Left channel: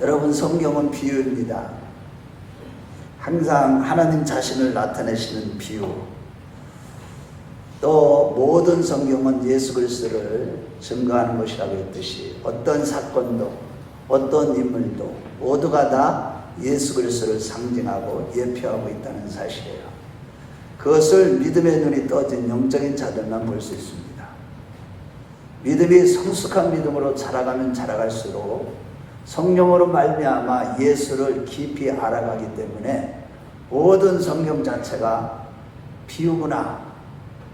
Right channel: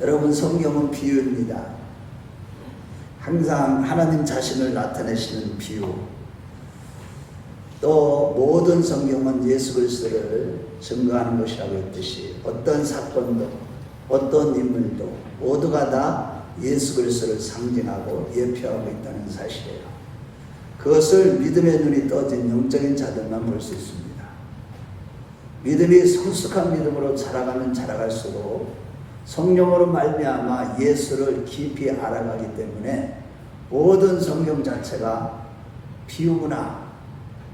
여러분, 성경은 비유입니다. 항상 하나님 자신을 나타내시는 비유. 또 모든 성경은 예수 그리스도를 증거하는 것이라고 했듯이 어떤 사건도 어떤 인물도 모두가 다 예수 그리스도를 상징하고 예표하고 있다는 사실이에요. 그것을 믿음의 눈이 떠진 영적인 자들만 볼 수 있습니다. 믿음이 성숙한 믿음으로 자라가면 자라갈수록 성령으로 말미암아 예수를 깊이 알아가기 때문에 모든 성경 자체가 비유구나,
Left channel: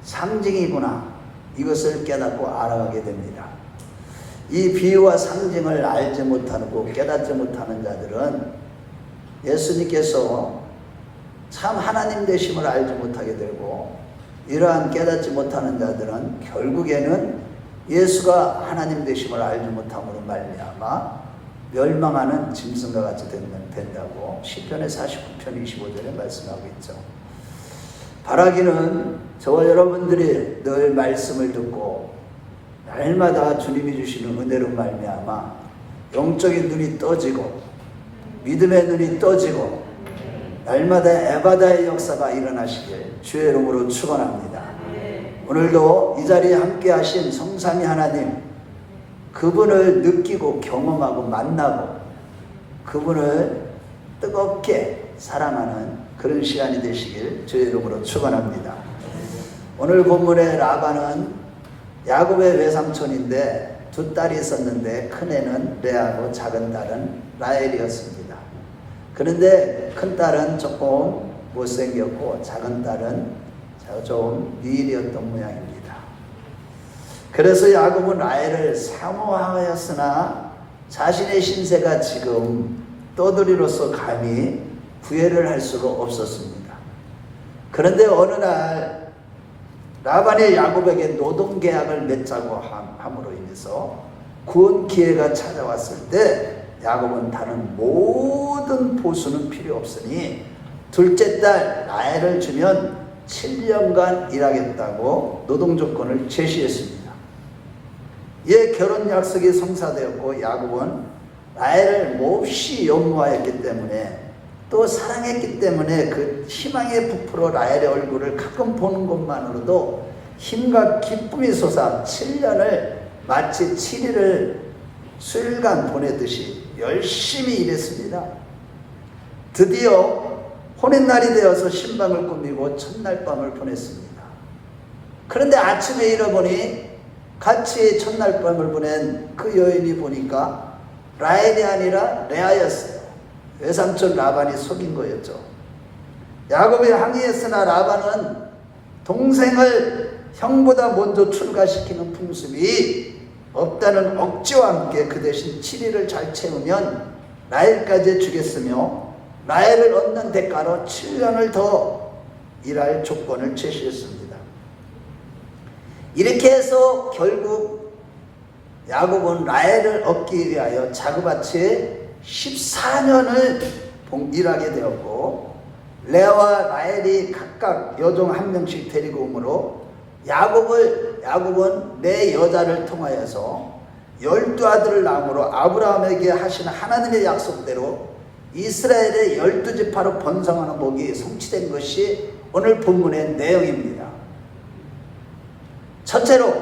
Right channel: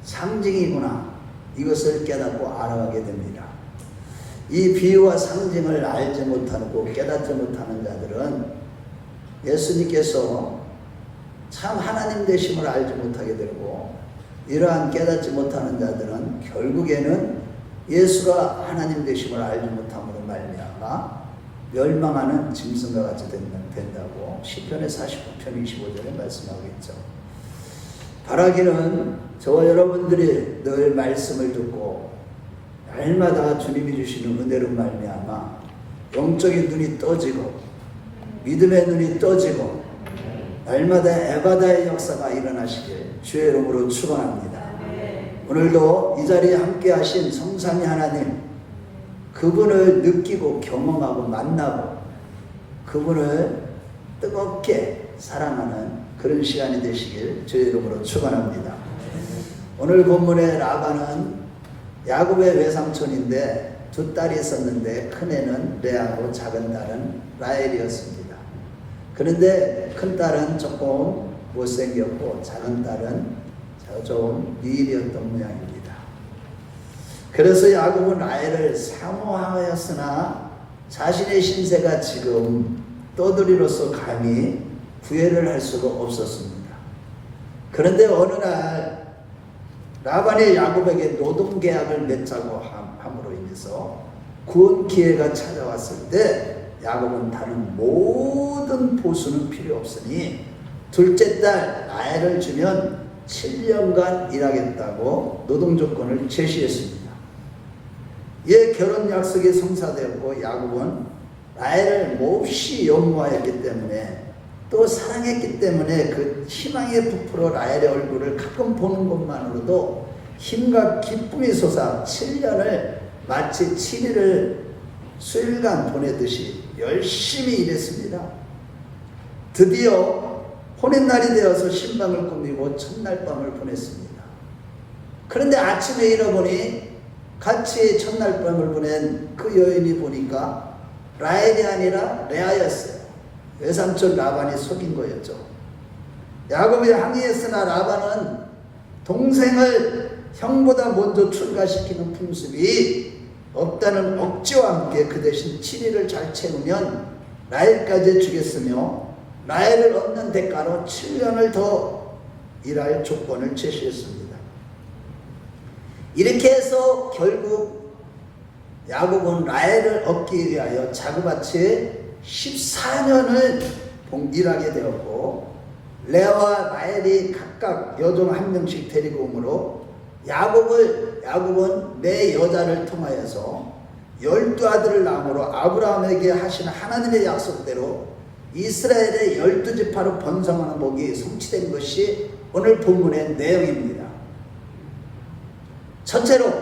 상징이구나, 이것을 깨닫고 알아가게 됩니다. 이 비유와 상징을 알지 못하고 깨닫지 못하는 자들은 예수님께서 참 하나님 되심을 알지 못하게 되고, 이러한 깨닫지 못하는 자들은 결국에는 예수가 하나님 되심을 알지 못함으로 말미암아 멸망하는 짐승과 같이 된다고 시편의 49편 25절에 말씀하고 있죠. 바라기는 저와 여러분들이 늘 말씀을 듣고 날마다 주님이 주시는 은혜로 말미암아 영적인 눈이 떠지고 믿음의 눈이 떠지고 날마다 에바다의 역사가 일어나시길 주의 이름으로 축원합니다. 오늘도 이 자리에 함께 하신 성삼위 하나님, 그분을 느끼고 경험하고 만나고 그분을 뜨겁게 사랑하는 그런 시간이 되시길 주의 이름으로 축원합니다. 오늘 본문의 라반은 야곱의 외삼촌인데 두 딸이 있었는데 큰애는 레아고 작은 딸은 라헬이었습니다. 그런데 큰 딸은 조금 못생겼고 작은 딸은 좀 미일이었던 모양입니다. 그래서 야곱은 라헬을 사모하였으나 자신의 신세가 지금 떠돌이로서 감히 구애를 할 수가 없었습니다. 그런데 어느 날 라반이 야곱에게 노동계약을 맺자고 함으로 인해서 구원 기회가 찾아왔을 때 야곱은 다른 모든 보수는 필요 없으니 둘째 딸 라헬을 주면 7년간 일하겠다고 노동 조건을 제시했습니다. 이에 결혼 약속이 성사되었고 야곱은 라헬을 몹시 연모하였기 때문에 또 사랑했기 때문에 그 희망의 부풀어 라헬의 얼굴을 가끔 보는 것만으로도 힘과 기쁨이 솟아 7년을 마치 7일을 수일간 보내듯이 열심히 일했습니다. 드디어 혼인날이 되어서 신방을 꾸미고 첫날 밤을 보냈습니다. 그런데 아침에 일어보니 같이 첫날 밤을 보낸 그 여인이 보니까 라헬이 아니라 레아였어요. 외삼촌 라반이 속인 거였죠. 야곱이 항의했으나 라반은 동생을 형보다 먼저 출가시키는 풍습이 없다는 억지와 함께 그 대신 7일을 잘 채우면 라헬까지 주겠으며 라헬을 얻는 대가로 7년을 더 일할 조건을 제시했습니다. 이렇게 해서 결국 야곱은 라헬을 얻기 위하여 자그마치 14년을 일하게 되었고, 레아와 라헬이 각각 여종 한 명씩 데리고 오므로 야곱은 매 여자를 통하여서 12아들을 낳음으로 아브라함에게 하신 하나님의 약속대로 이스라엘의 12지파로 번성하는 복이 성취된 것이 오늘 본문의 내용입니다. 첫째로,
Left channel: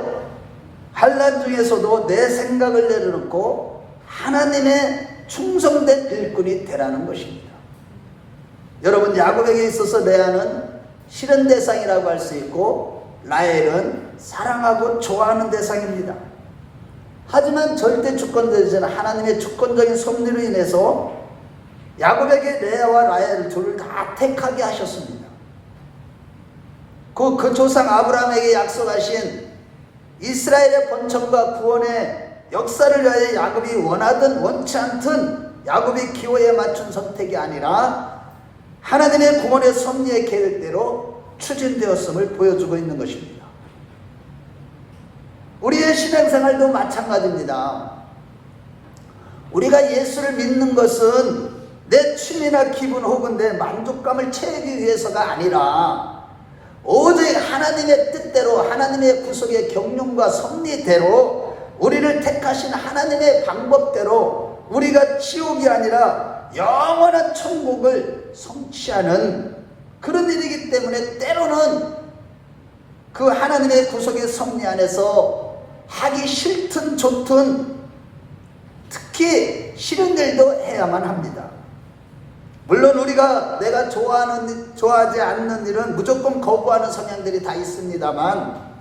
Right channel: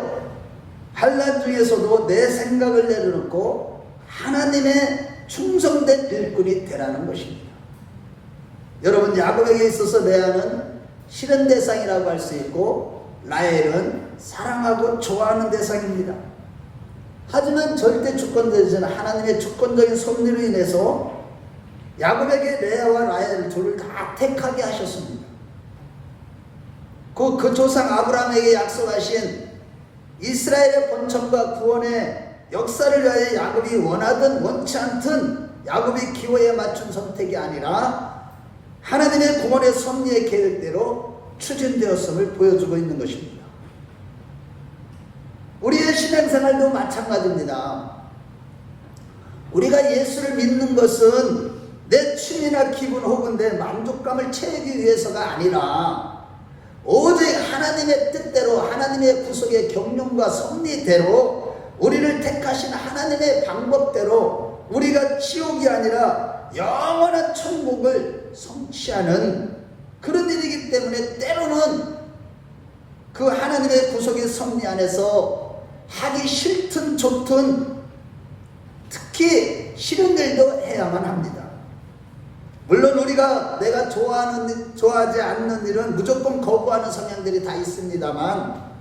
환난 중에서도 내 생각을 내려놓고 하나님의 충성된 일꾼이 되라는 것입니다. 여러분, 야곱에게 있어서 레아는 싫은 대상이라고 할 수 있고 라헬은 사랑하고 좋아하는 대상입니다. 하지만 절대 주권자이신 하나님의 주권적인 섭리로 인해서 야곱에게 레아와 라헬 둘을 다 택하게 하셨습니다. 그 조상 아브라함에게 약속하신 이스라엘의 번성과 구원의 역사를 위하여 야곱이 원하든 원치 않든 야곱이 기호에 맞춘 선택이 아니라 하나님의 구원의 섭리의 계획대로 추진되었음을 보여주고 있는 것입니다. 우리의 신앙생활도 마찬가지입니다. 우리가 예수를 믿는 것은 내 취미나 기분 혹은 내 만족감을 채우기 위해서가 아니라 오직 하나님의 뜻대로, 하나님의 구속의 경륜과 섭리대로, 우리를 택하신 하나님의 방법대로 우리가 지옥이 아니라 영원한 천국을 성취하는 그런 일이기 때문에 때로는 그 하나님의 구속의 섭리 안에서 하기 싫든 좋든 특히 싫은 일도 해야만 합니다. 물론 우리가 내가 좋아하지 않는 일은 무조건 거부하는 성향들이 다 있습니다만,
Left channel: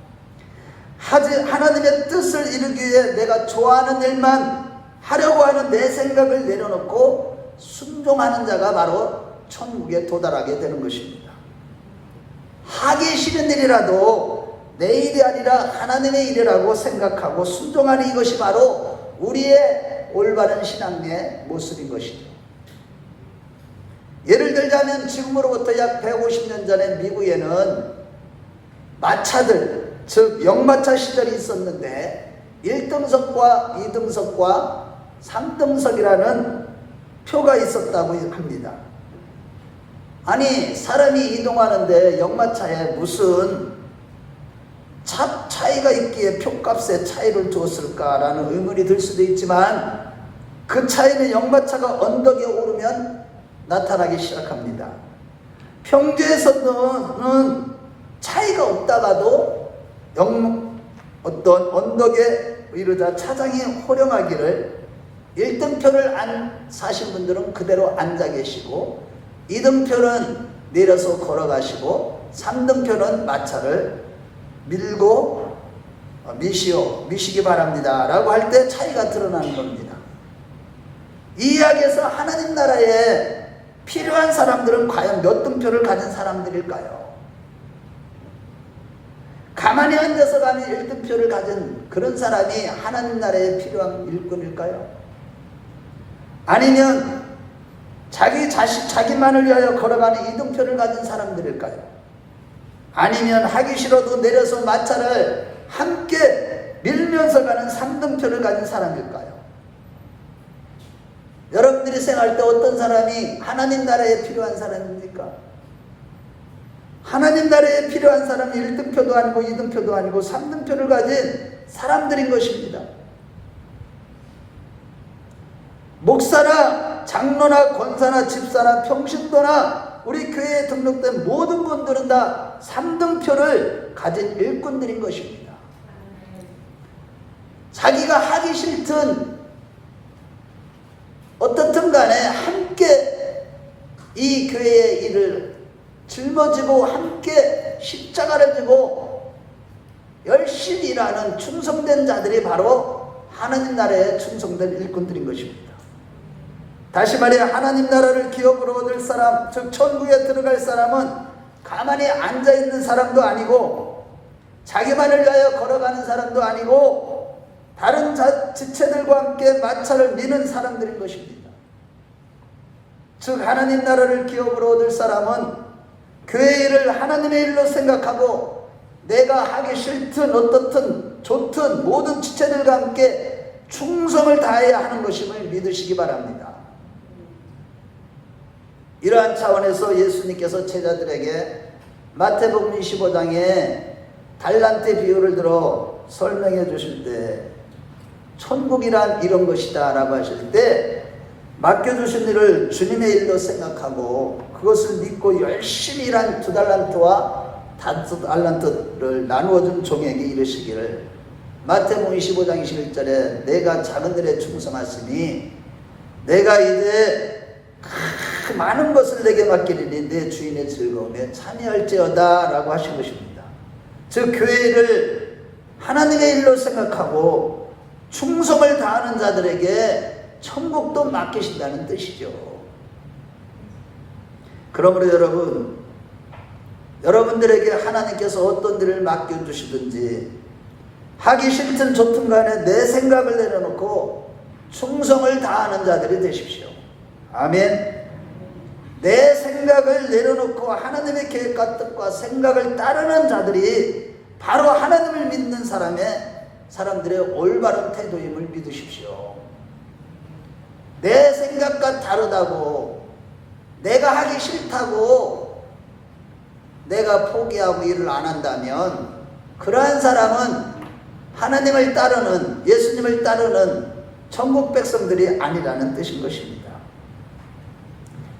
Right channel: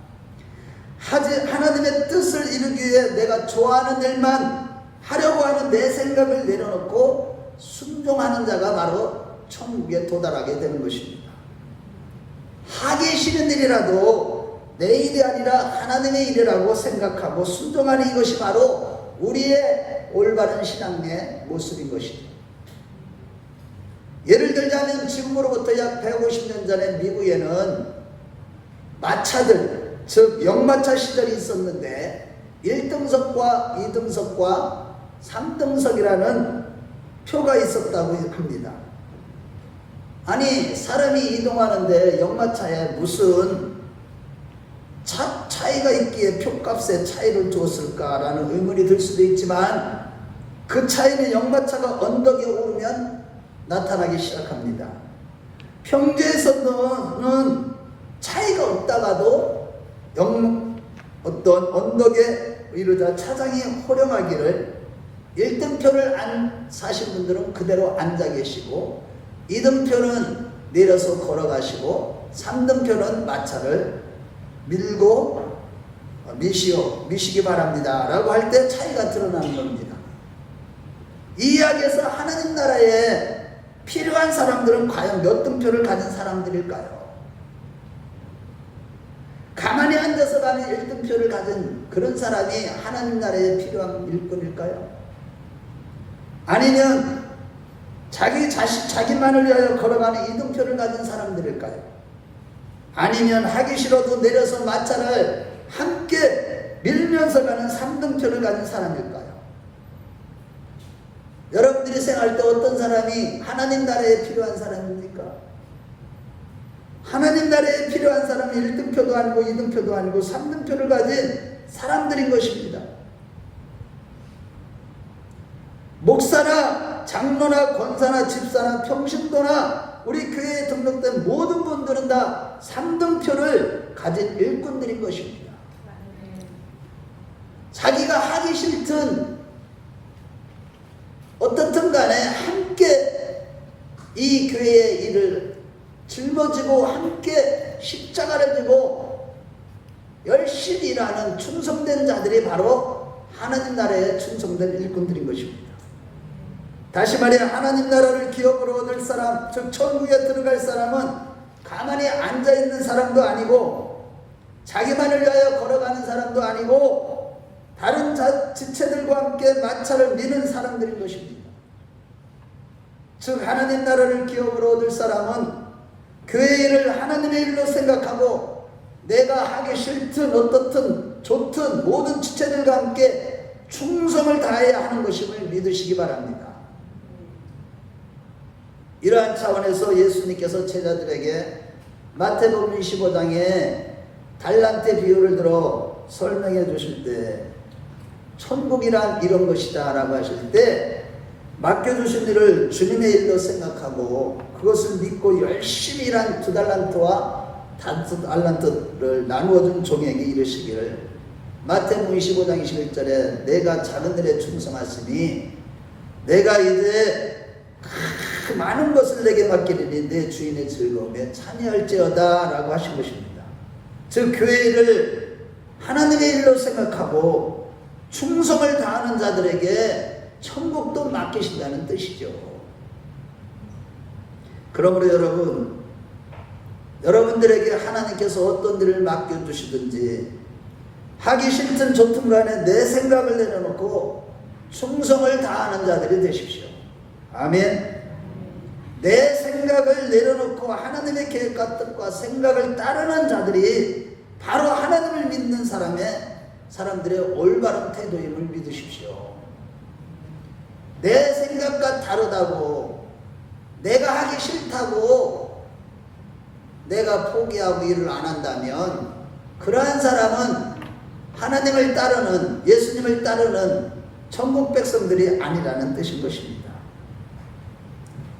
하나님의 뜻을 이루기 위해 내가 좋아하는 일만 하려고 하는 내 생각을 내려놓고 순종하는 자가 바로 천국에 도달하게 되는 것입니다. 하기 싫은 일이라도 내 일이 아니라 하나님의 일이라고 생각하고 순종하는 이것이 바로 우리의 올바른 신앙의 모습인 것이죠. 예를 들자면 지금으로부터 약 150년 전에 미국에는 마차들, 즉 역마차 시절이 있었는데 1등석과 2등석과 3등석이라는 표가 있었다고 합니다. 아니, 사람이 이동하는데 역마차에 무슨 차이가 있기에 표값에 차이를 두었을까라는 의문이 들 수도 있지만, 그 차이는 역마차가 언덕에 오르면 나타나기 시작합니다. 평지에서는 차이가 없다가도 어떤 언덕에 이르자 차장이 호령하기를 1등표를 안 사신 분들은 그대로 앉아 계시고 2등표는 내려서 걸어가시고 3등표는 마차를 미시기 바랍니다 라고 할 때 차이가 드러나는 겁니다. 이 이야기에서 하나님 나라에 필요한 사람들은 과연 몇 등표를 가진 사람들일까요? 가만히 앉아서 가는 1등표를 가진 그런 사람이 하나님 나라에 필요한 일꾼일까요? 아니면 자기만을 위하여 걸어가는 2등표를 가진 사람들일까요? 아니면 하기 싫어도 내려서 마차를 함께 밀면서 가는 3등표를 가진 사람일까요? 여러분들이 생각할 때 어떤 사람이 하나님 나라에 필요한 사람입니까? 하나님 나라에 필요한 사람이 1등표도 아니고 2등표도 아니고 3등표를 가진 사람들인 것입니다. 목사나 장로나 권사나 집사나 평신도나 우리 교회에 등록된 모든 분들은 다 3등표를 가진 일꾼들인 것입니다. 자기가 하기 싫든 어떻든 간에 함께 이 교회의 일을 짊어지고 함께 십자가를 지고 열심히 일하는 충성된 자들이 바로 하나님 나라에 충성된 일꾼들인 것입니다. 다시 말해 하나님 나라를 기업으로 얻을 사람, 즉 천국에 들어갈 사람은 가만히 앉아있는 사람도 아니고 자기만을 위하여 걸어가는 사람도 아니고 다른 지체들과 함께 마차를 미는 사람들인 것입니다. 즉 하나님 나라를 기업으로 얻을 사람은 교회 일을 하나님의 일로 생각하고 내가 하기 싫든 어떻든 좋든 모든 지체들과 함께 충성을 다해야 하는 것임을 믿으시기 바랍니다. 이러한 차원에서 예수님께서 제자들에게 마태복음 25장에 달란트 비유를 들어 설명해 주실 때 천국이란 이런 것이다 라고 하실 때 맡겨주신 일을 주님의 일로 생각하고 그것을 믿고 열심히 일한 2달란트와 5달란트를 나누어준 종에게 이르시기를 마태복음 25장 21절에 내가 작은 일에 충성하시니 내가 이제 많은 것을 내게 맡기리니 내 주인의 즐거움에 참여할지어다 라고 하신 것입니다. 즉 교회를 하나님의 일로 생각하고 충성을 다하는 자들에게 천국도 맡기신다는 뜻이죠. 그러므로 여러분들에게 하나님께서 어떤 일을 맡겨주시든지 하기 싫든 좋든 간에 내 생각을 내려놓고 충성을 다하는 자들이 되십시오. 아멘. 내 생각을 내려놓고 하나님의 계획과 뜻과 생각을 따르는 자들이 바로 하나님을 믿는 사람들의 올바른 태도임을 믿으십시오. 내 생각과 다르다고 내가 하기 싫다고 내가 포기하고 일을 안 한다면 그러한 사람은 하나님을 따르는 예수님을 따르는 천국 백성들이 아니라는 뜻인 것입니다.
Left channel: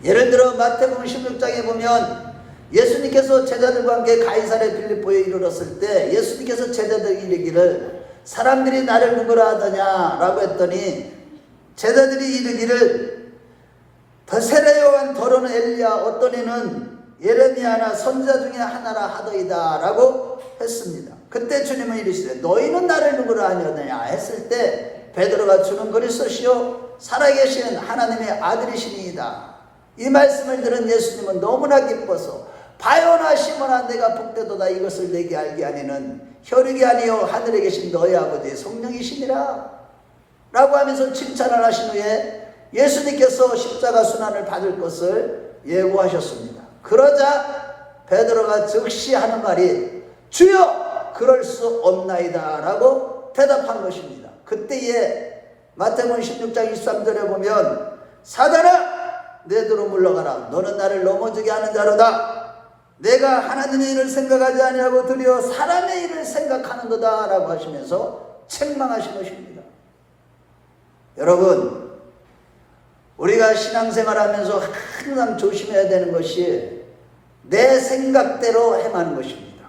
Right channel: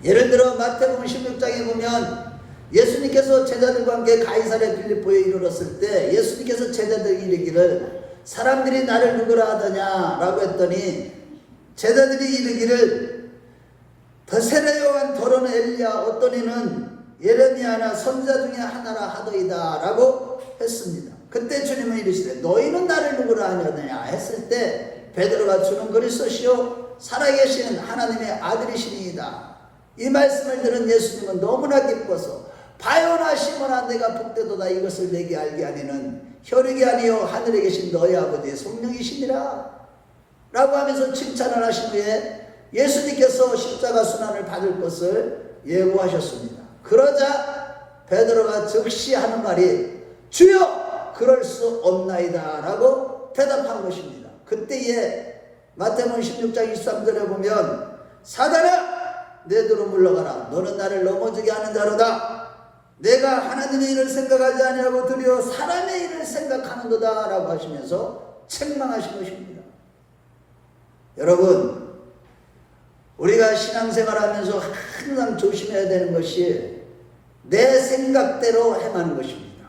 예를 들어 마태복음 16장에 보면 예수님께서 제자들과 함께 가이사랴 빌립보에 이르렀을 때 예수님께서 제자들에게 이르기를 사람들이 나를 누구라 하더냐 라고 했더니 제자들이 이르기를 더세례 요한 더러는 엘리야 어떤 이는 예레미야나 선지자 중에 하나라 하더이다 라고 했습니다. 그때 주님은 이르시되 너희는 나를 누구라 하느냐 했을 때 베드로가 주는 그리스도시요 살아계신 하나님의 아들이시니이다. 이 말씀을 들은 예수님은 너무나 기뻐서 바요나 시몬아 내가 복되도다 이것을 내게 알게 하니는 혈육이 아니요 하늘에 계신 너희 아버지의 성령이시니라 라고 하면서 칭찬을 하신 후에 예수님께서 십자가 순환을 받을 것을 예고하셨습니다. 그러자 베드로가 즉시 하는 말이 주여 그럴 수 없나이다 라고 대답한 것입니다. 그때에 마태복음 16장 23절에 보면 사단아 내 뒤로 물러가라 너는 나를 넘어지게 하는 자로다. 내가 하나님의 일을 생각하지 아니하고 드디어 사람의 일을 생각하는도다 라고 하시면서 책망하신 것입니다. 여러분 우리가 신앙생활하면서 항상 조심해야 되는 것이 내 생각대로 행하는 것입니다.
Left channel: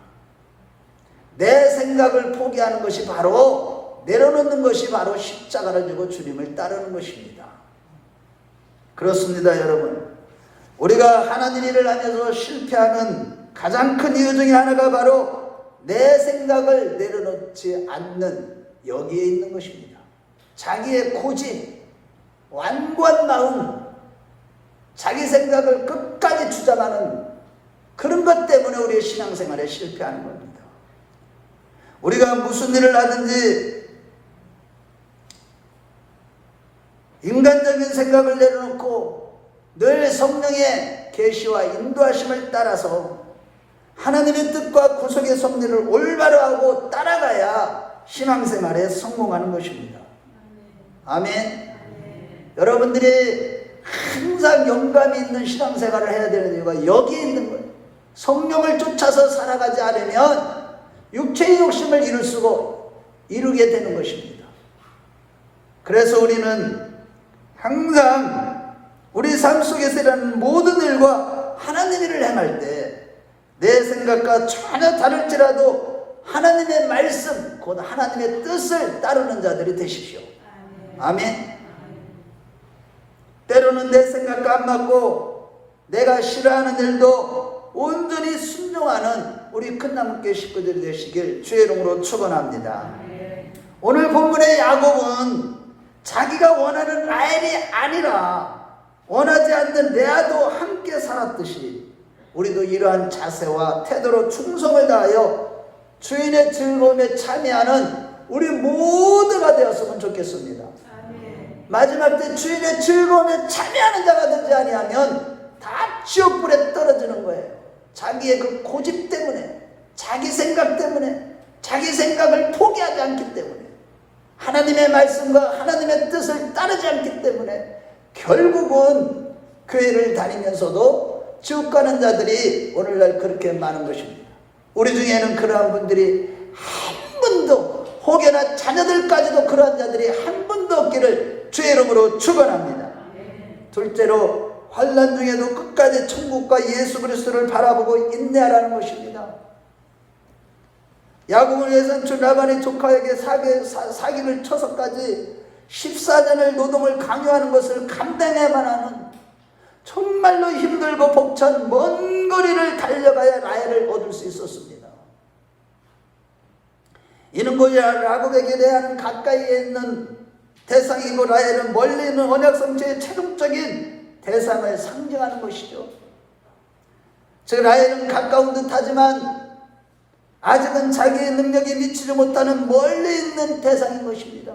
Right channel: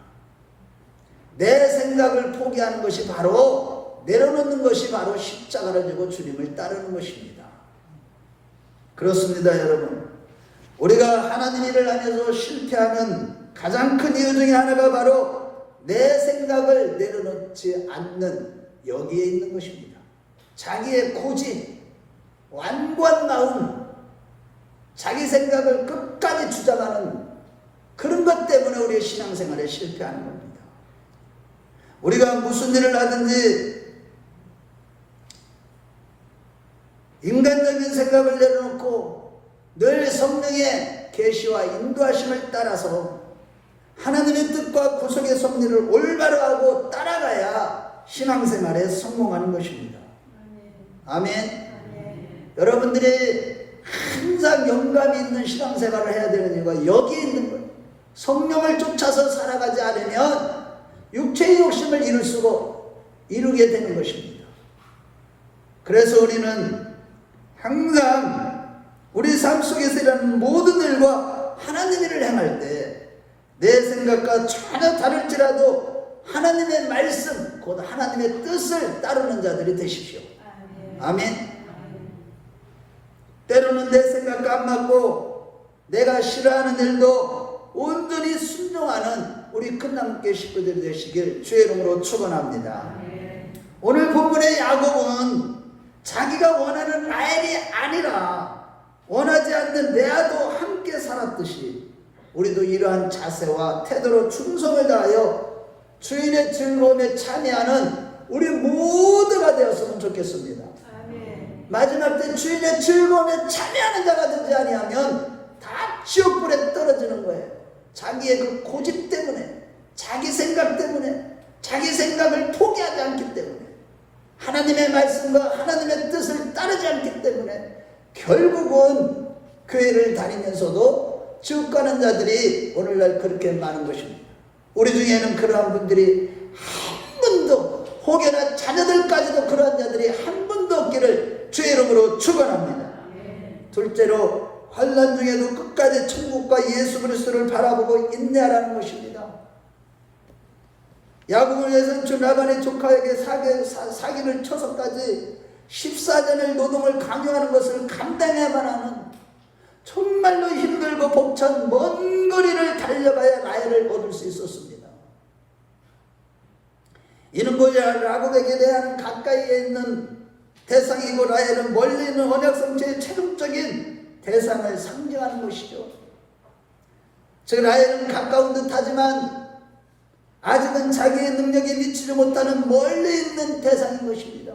내 생각을 포기하는 것이 바로 내려놓는 것이 바로 십자가를 지고 주님을 따르는 것입니다. 그렇습니다. 여러분 우리가 하나님 일을 하면서 실패하는 가장 큰 이유 중에 하나가 바로 내 생각을 내려놓지 않는 여기에 있는 것입니다. 자기의 고집, 완고한 마음, 자기 생각을 끝까지 주장하는 그런 것 때문에 우리의 신앙생활에 실패하는 겁니다. 우리가 무슨 일을 하든지 인간적인 생각을 내려놓고 늘 성령의 계시와 인도하심을 따라서 하나님의 뜻과 구속의 섭리를 올바로 하고 따라가야 신앙생활에 성공하는 것입니다. 아멘. 여러분들이 항상 영감이 있는 신앙생활을 해야 되는 이유가 여기에 있는 거예요. 성령을 쫓아서 살아가지 않으면 육체의 욕심을 이루게 되는 것입니다. 그래서 우리는 항상 우리 삶 속에서 일하는 모든 일과 하나님 일을 행할 때 내 생각과 전혀 다를지라도 하나님의 말씀 곧 하나님의 뜻을 따르는 자들이 되십시오. 아멘. 때로는 내 생각과 안 맞고 내가 싫어하는 일도 온전히 순종하는 우리 큰나무교회 식구들이 되시길 주의 이름으로 축원합니다. 오늘 본문의 야곱은 자기가 원하는 라헬이 아니라 원하지 않는 레아도 함께 살았듯이 우리도 이러한 자세와 태도로 충성을 다하여 주인의 즐거움에 참여하는 우리 모두가 되었으면 좋겠습니다. 마지막 때 주인의 즐거움에 참여하는 자가 되지 아니하면 다 지옥불에 떨어지는 거예요. 자기의 그 고집 때문에, 자기 생각 때문에, 자기 생각을 포기하지 않기 때문에, 하나님의 말씀과 하나님의 뜻을 따르지 않기 때문에 결국은 교회를 다니면서도 지옥 가는 자들이 오늘날 그렇게 많은 것입니다. 우리 중에는 그러한 분들이 한 분도, 혹여나 자녀들까지도 그러한 자들이 한 분도 없기를 주의 이름으로 축원합니다. 둘째로 환난 중에도 끝까지 천국과 예수 그리스도를 바라보고 인내하라는 것입니다. 야곱을 위해서는 주 라반의 조카에게 사기를 쳐서까지 14년을 노동을 강요하는 것을 감당해야만 하는 정말로 힘들고 벅찬 먼 거리를 달려가야 라헬을 얻을 수 있었습니다. 이는 뭐냐, 야곱에게 대한 가까이에 있는 대상이고 라헬은 멀리 있는 언약 성취의 최종적인 대상을 상징하는 것이죠. 즉 라헬은 가까운 듯 하지만 아직은 자기의 능력이 미치지 못하는 멀리 있는 대상인 것입니다.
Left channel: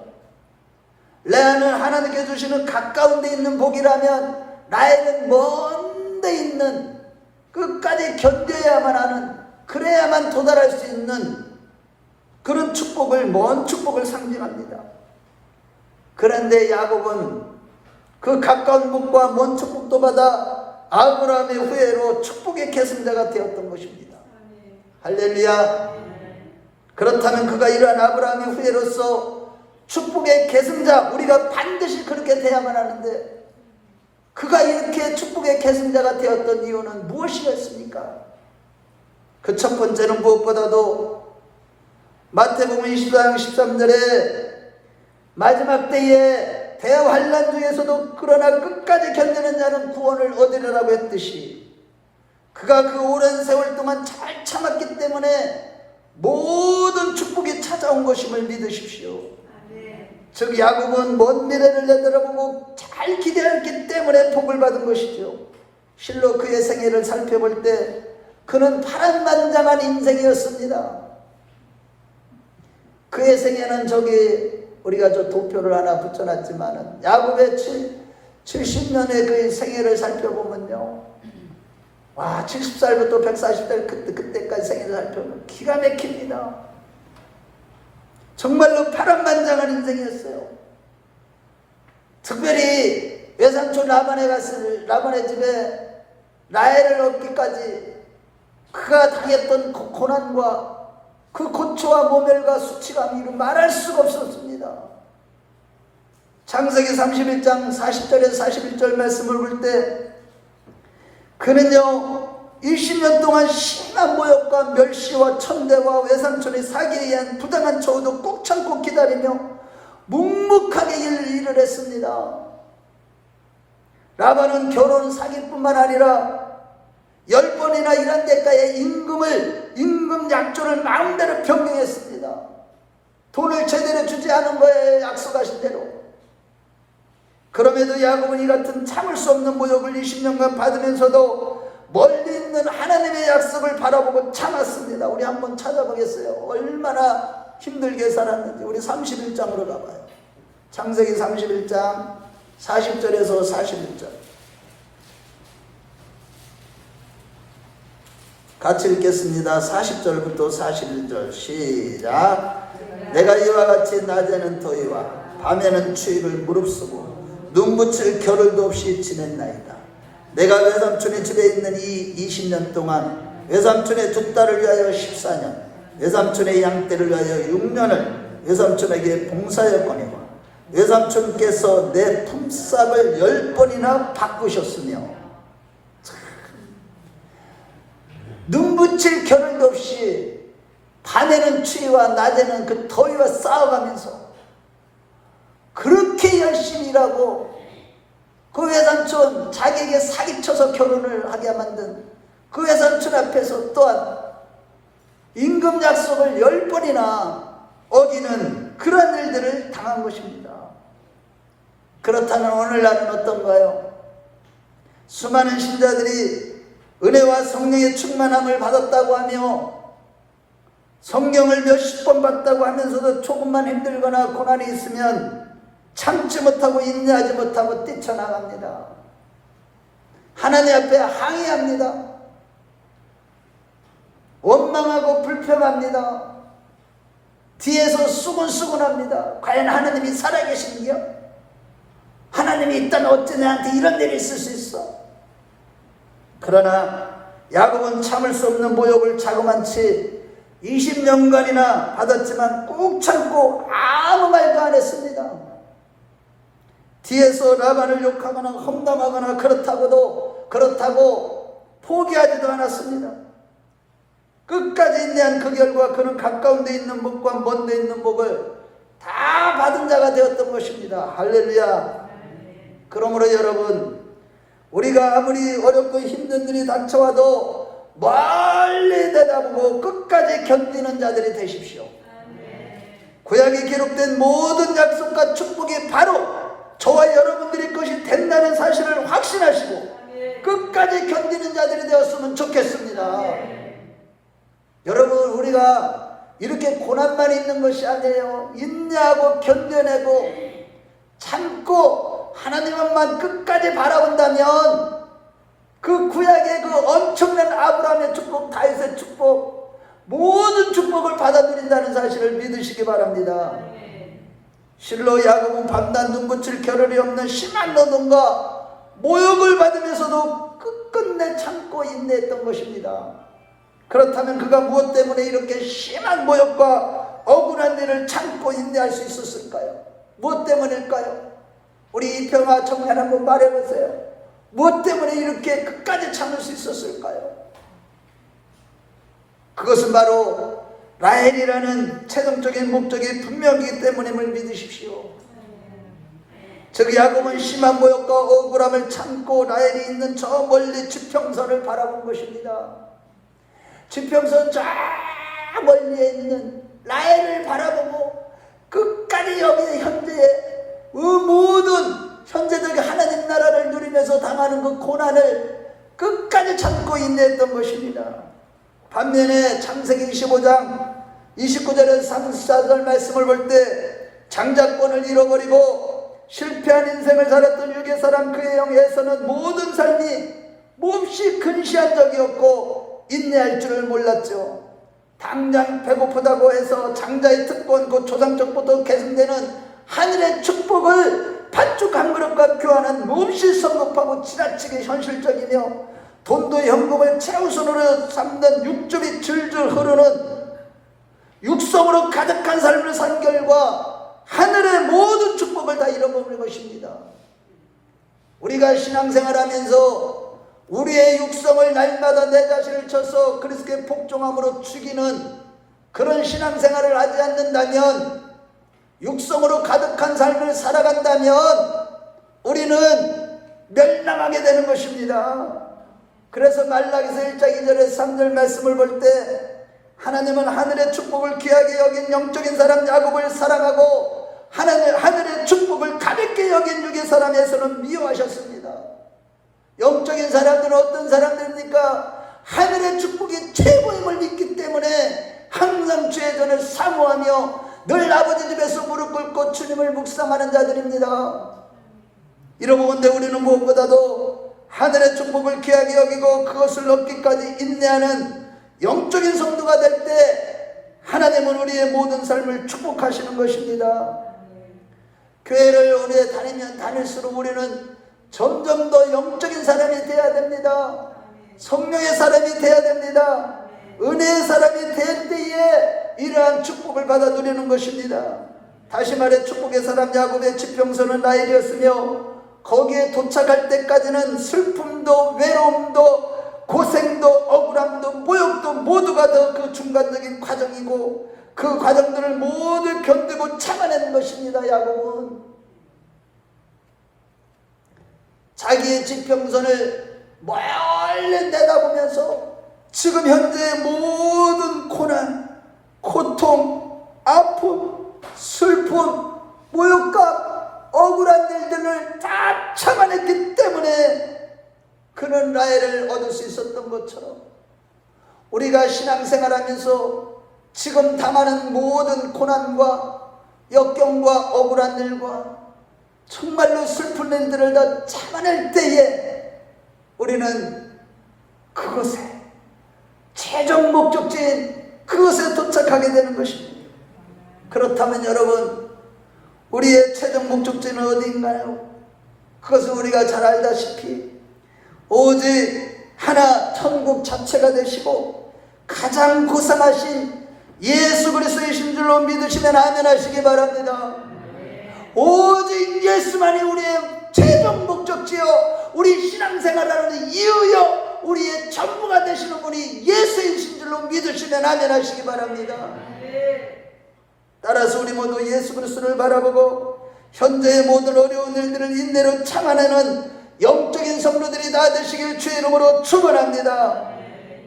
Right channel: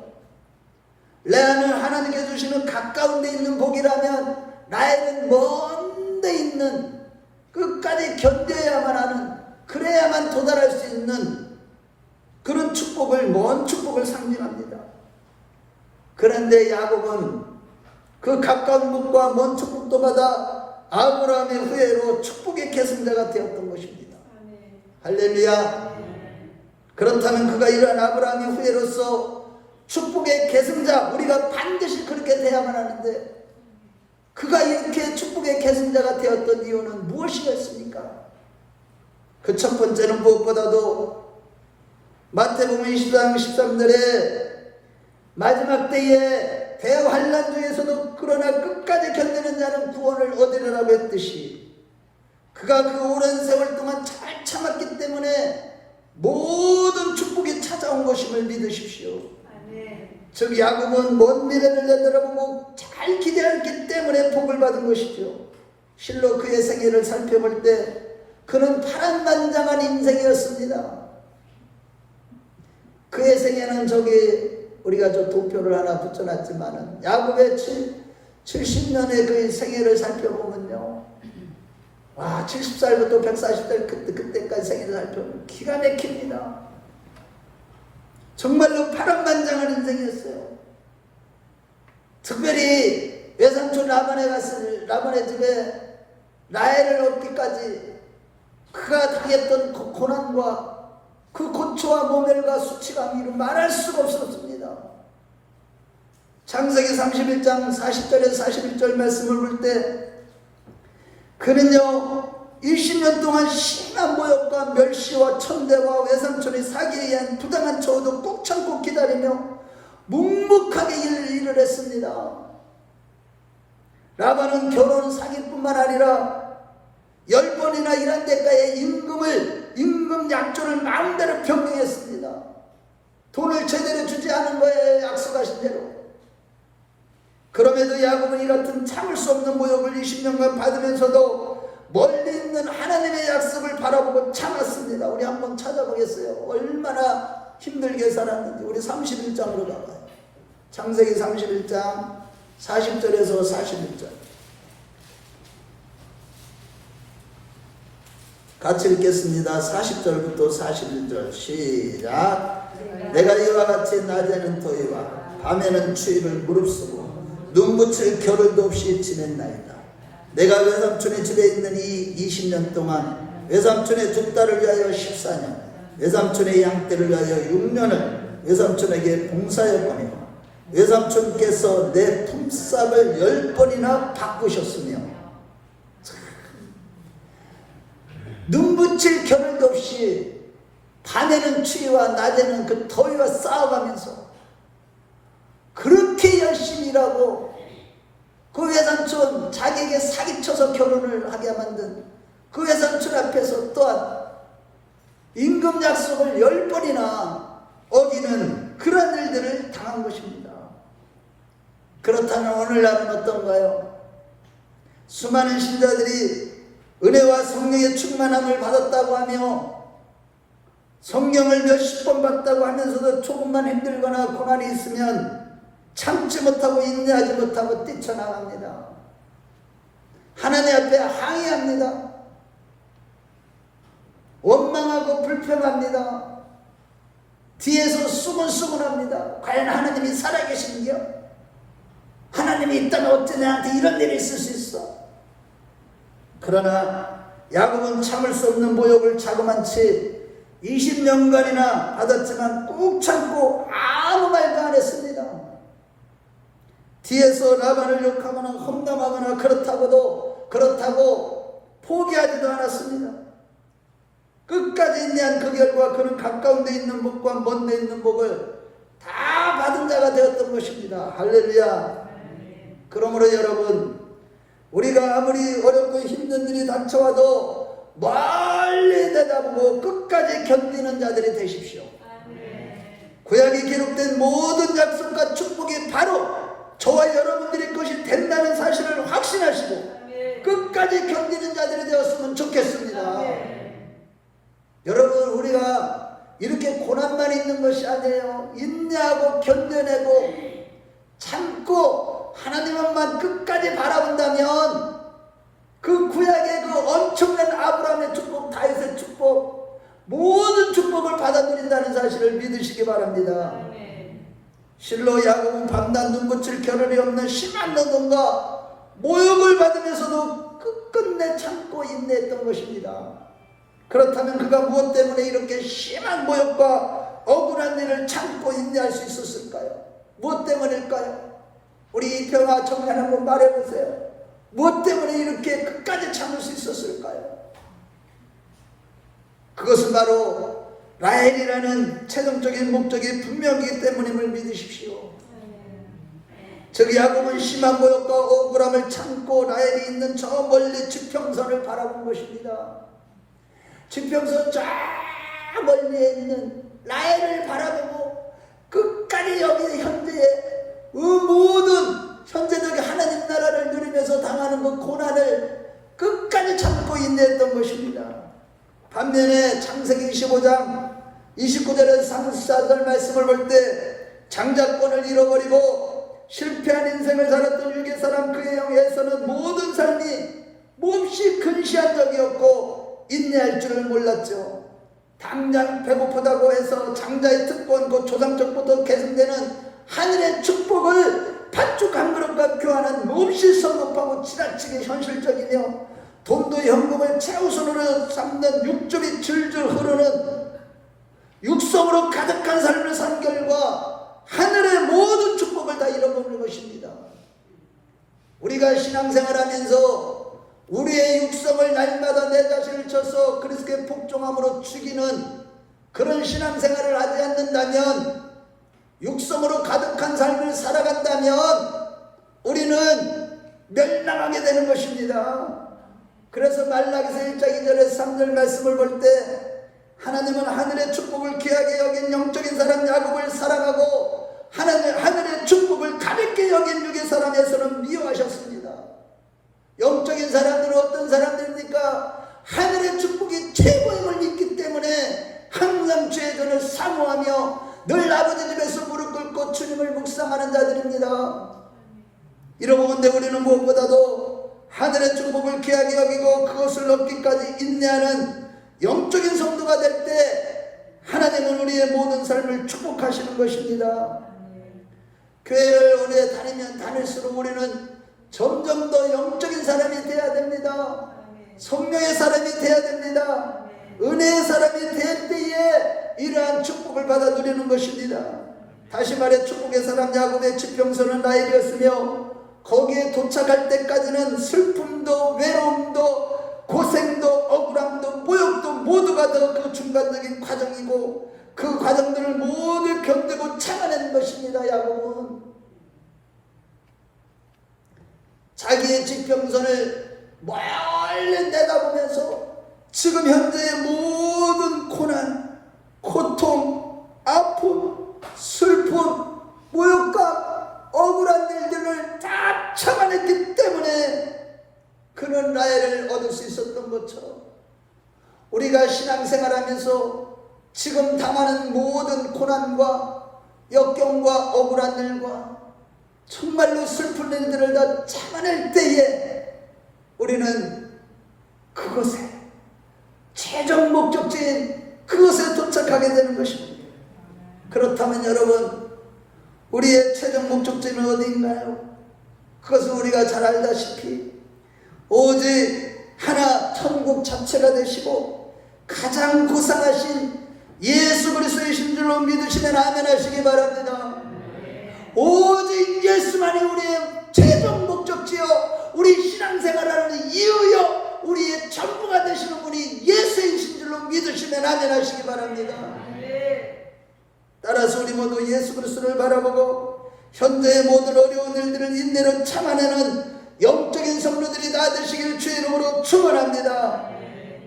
레아는 하나님께 주시는 가까운 데 있는 복이라면 라헬은 먼 데 있는 끝까지 견뎌야만 하는, 그래야만 도달할 수 있는 그런 축복을, 먼 축복을 상징합니다. 그런데 야곱은 그 가까운 복과 먼 축복도 받아 아브라함의 후예로 축복의 계승자가 되었던 것입니다. 할렐루야. 그렇다면 그가 이러한 아브라함의 후예로서 축복의 계승자, 우리가 반드시 그렇게 돼야만 하는데 그가 이렇게 축복의 계승자가 되었던 이유는 무엇이었습니까? 그 첫 번째는 무엇보다도 마태복음 24장 13절에 마지막 때에 대환란 중에서도 그러나 끝까지 견디는 자는 구원을 얻으리라고 했듯이 그가 그 오랜 세월 동안 잘 참았기 때문에 모든 축복이 찾아온 것임을 믿으십시오. 즉 야곱은 먼 미래를 내다보고 잘 기대했기 때문에 복을 받은 것이죠. 실로 그의 생애를 살펴볼 때 그는 파란만장한 인생이었습니다. 그의 생애는 우리가 도표를 하나 붙여놨지만은 야곱의 70년의 그 생애를 살펴보면요, 와, 70살부터 140살 그때까지 생애를 살펴보면 기가 막힙니다. 정말로 파란만장한 인생이었어요. 특별히 외삼촌 라반의 집에 라헬을 얻기까지 그가 당했던 고난과 그 고초와 모멸과 수치감이 말할 수가 없었습니다. 창세기 31장 40절에서 41절 말씀을 볼 때 그는요 20년 동안 심한 모욕과 멸시와 천대와 외삼촌의 사기에 의한 부당한 처우도 꾹 참고 기다리며 묵묵하게 일을 했습니다. 라반은 결혼 사기뿐만 아니라 10번이나 일한 대가의 임금 약조를 마음대로 변경했습니다. 돈을 제대로 주지 않은 거예요. 약속하신 대로. 그럼에도 야곱은 이 같은 참을 수 없는 모욕을 20년간 받으면서도 멀리 있는 하나님의 약속을 바라보고 참았습니다. 우리 한번 찾아보겠어요. 얼마나 힘들게 살았는지. 우리 31장으로 가봐요. 창세기 31장 40절에서 41절. 같이 읽겠습니다. 40절부터 41절 시작. 내가 이와 같이 낮에는 더위와 밤에는 추위를 무릅쓰고 눈 붙일 겨를도 없이 지냈나이다. 내가 외삼촌의 집에 있는 이 20년 동안 외삼촌의 두 딸을 위하여 14년, 외삼촌의 양떼를 위하여 6년을 외삼촌에게 봉사했거니와 외삼촌께서 내 품삯을 10번이나 바꾸셨으며 눈 붙일 겨를도 없이 밤에는 추위와 낮에는 그 더위와 싸워가면서 그렇게 열심히 일하고 그 외삼촌 자기에게 사기쳐서 결혼을 하게 만든 그 외삼촌 앞에서 또한 임금 약속을 10번이나 어기는 그런 일들을 당한 것입니다. 그렇다면 오늘날은 어떤가요? 수많은 신자들이 은혜와 성령의 충만함을 받았다고 하며 성경을 몇십 번 봤다고 하면서도 조금만 힘들거나 고난이 있으면 참지 못하고 인내하지 못하고 뛰쳐나갑니다. 하나님 앞에 항의합니다. 원망하고 불평합니다. 뒤에서 수근수근합니다. 과연 하나님이 살아계신겨? 하나님이 있다면 어째 내한테 이런 일이 있을 수 있어? 그러나 야곱은 참을 수 없는 모욕을 자그만치 20년간이나 받았지만 꾹 참고 아무 말도 안 했습니다. 뒤에서 라반을 욕하거나 험담하거나 그렇다고 포기하지도 않았습니다. 끝까지 인내한 그 결과 그는 가까운 데 있는 복과 먼 데 있는 복을 다 받은 자가 되었던 것입니다. 할렐루야. 그러므로 여러분, 우리가 아무리 어렵고 힘든 일이 닥쳐와도 멀리 내다보고 끝까지 견디는 자들이 되십시오. 구약에 기록된 모든 약속과 축복이 바로 저와 여러분들의 것이 된다는 사실을 확신하시고 끝까지 견디는 자들이 되었으면 좋겠습니다. 여러분, 우리가 이렇게 고난만 있는 것이 아니에요. 인내하고 견뎌내고 참고 하나님만 끝까지 바라본다면 그 구약의 그 엄청난 아브라함의 축복, 다윗의 축복, 모든 축복을 받아들인다는 사실을 믿으시기 바랍니다. 실로 야곱은 밤낮 눈붙일 겨를이 없는 심한 노동과 모욕을 받으면서도 끝끝내 참고 인내했던 것입니다. 그렇다면 그가 무엇 때문에 이렇게 심한 모욕과 억울한 일을 참고 인내할 수 있었을까요? 무엇 때문일까요? 우리 이평화 청년 한번 말해보세요. 무엇 때문에 이렇게 끝까지 참을 수 있었을까요? 그것은 바로 라헬이라는 최종적인 목적이 분명하기 때문임을 믿으십시오. 즉 야곱은 심한 모욕과 억울함을 참고 라헬이 있는 저 멀리 지평선을 바라본 것입니다. 지평선 저 멀리에 있는 라헬을 바라보고 끝까지 여기 현재의 모든 현재적인 하나님 나라를 누리면서 당하는 그 고난을 끝까지 참고 인내했던 것입니다. 반면에 창세기 25장 29절에서 34절 말씀을 볼 때 장자권을 잃어버리고 실패한 인생을 살았던 유괴 사람 그의 영 에서는 모든 삶이 몹시 근시한 적이 없고 인내할 줄을 몰랐죠. 당장 배고프다고 해서 장자의 특권 곧 조상적부터 계승되는 하늘의 축복을 팥죽 한 그릇과 교환은 몹시 성급하고 지나치게 현실적이며 돈도 현금을 최우선으로 삼는 육즙이 줄줄 흐르는 육성으로 가득한 삶을 산 결과 하늘의 모든 축복을 다 잃어버리는 것입니다. 우리가 신앙생활하면서 우리의 육성을 날마다 내 자신을 쳐서 그리스도의 복종함으로 죽이는 그런 신앙생활을 하지 않는다면, 육성으로 가득한 삶을 살아간다면 우리는 멸망하게 되는 것입니다. 그래서 말라기서 1장 2절에서 3절 말씀을 볼 때 하나님은 하늘의 축복을 귀하게 여긴 영적인 사람 야곱을 사랑하고 하늘의 축복을 가볍게 여긴 육의 사람에서는 미워하셨습니다. 영적인 사람들은 어떤 사람들입니까? 하늘의 축복이 최고임을 믿기 때문에 항상 주의 전을 사모하며 늘 아버지 집에서 무릎 꿇고 주님을 묵상하는 자들입니다. 이러고 본데 우리는 무엇보다도 하늘의 축복을 귀하게 여기고 그것을 얻기까지 인내하는 영적인 성도가 될 때 하나님은 우리의 모든 삶을 축복하시는 것입니다. 교회를 오래 다니면 다닐수록 우리는 점점 더 영적인 사람이 되어야 됩니다. 성령의 사람이 되어야 됩니다. 은혜의 사람이 될 때에 이러한 축복을 받아 누리는 것입니다. 다시 말해 축복의 사람 야곱의 지평선은 라헬이었으며 거기에 도착할 때까지는 슬픔도 외로움도 고생도 억울함도 모욕도 모두가 다 그 중간적인 과정이고 그 과정들을 모두 견디고 참아낸 것입니다. 야곱은 자기의 지평선을 멀리 내다보면서 지금 현재의 모든 고난, 고통, 아픔, 슬픔, 모욕감, 억울한 일들을 다 참아냈기 때문에 그는 라헬을 얻을 수 있었던 것처럼 우리가 신앙생활하면서 지금 당하는 모든 고난과 역경과 억울한 일과 정말로 슬픈 일들을 다 참아낼 때에 우리는 그것에 최종 목적지인 그것에 도착하게 되는 것입니다. 그렇다면 여러분, 우리의 최종 목적지는 어디인가요? 그것은 우리가 잘 알다시피 오직 하나 천국 자체가 되시고 가장 고상하신 예수 그리스도이신 줄로 믿으시면 아멘 하시기 바랍니다. 오직 예수만이 우리의 최종 목적지요 우리 신앙생활하는 이유요 우리의 전부가 되시는 분이 예수이신 줄로 믿으시면 아멘 하시기 바랍니다. 따라서 우리 모두 예수 그리스도를 바라보고 현재의 모든 어려운 일들을 인내로 참아내는 영적인 성도들이 다 되시길 주의 이름으로 축원합니다.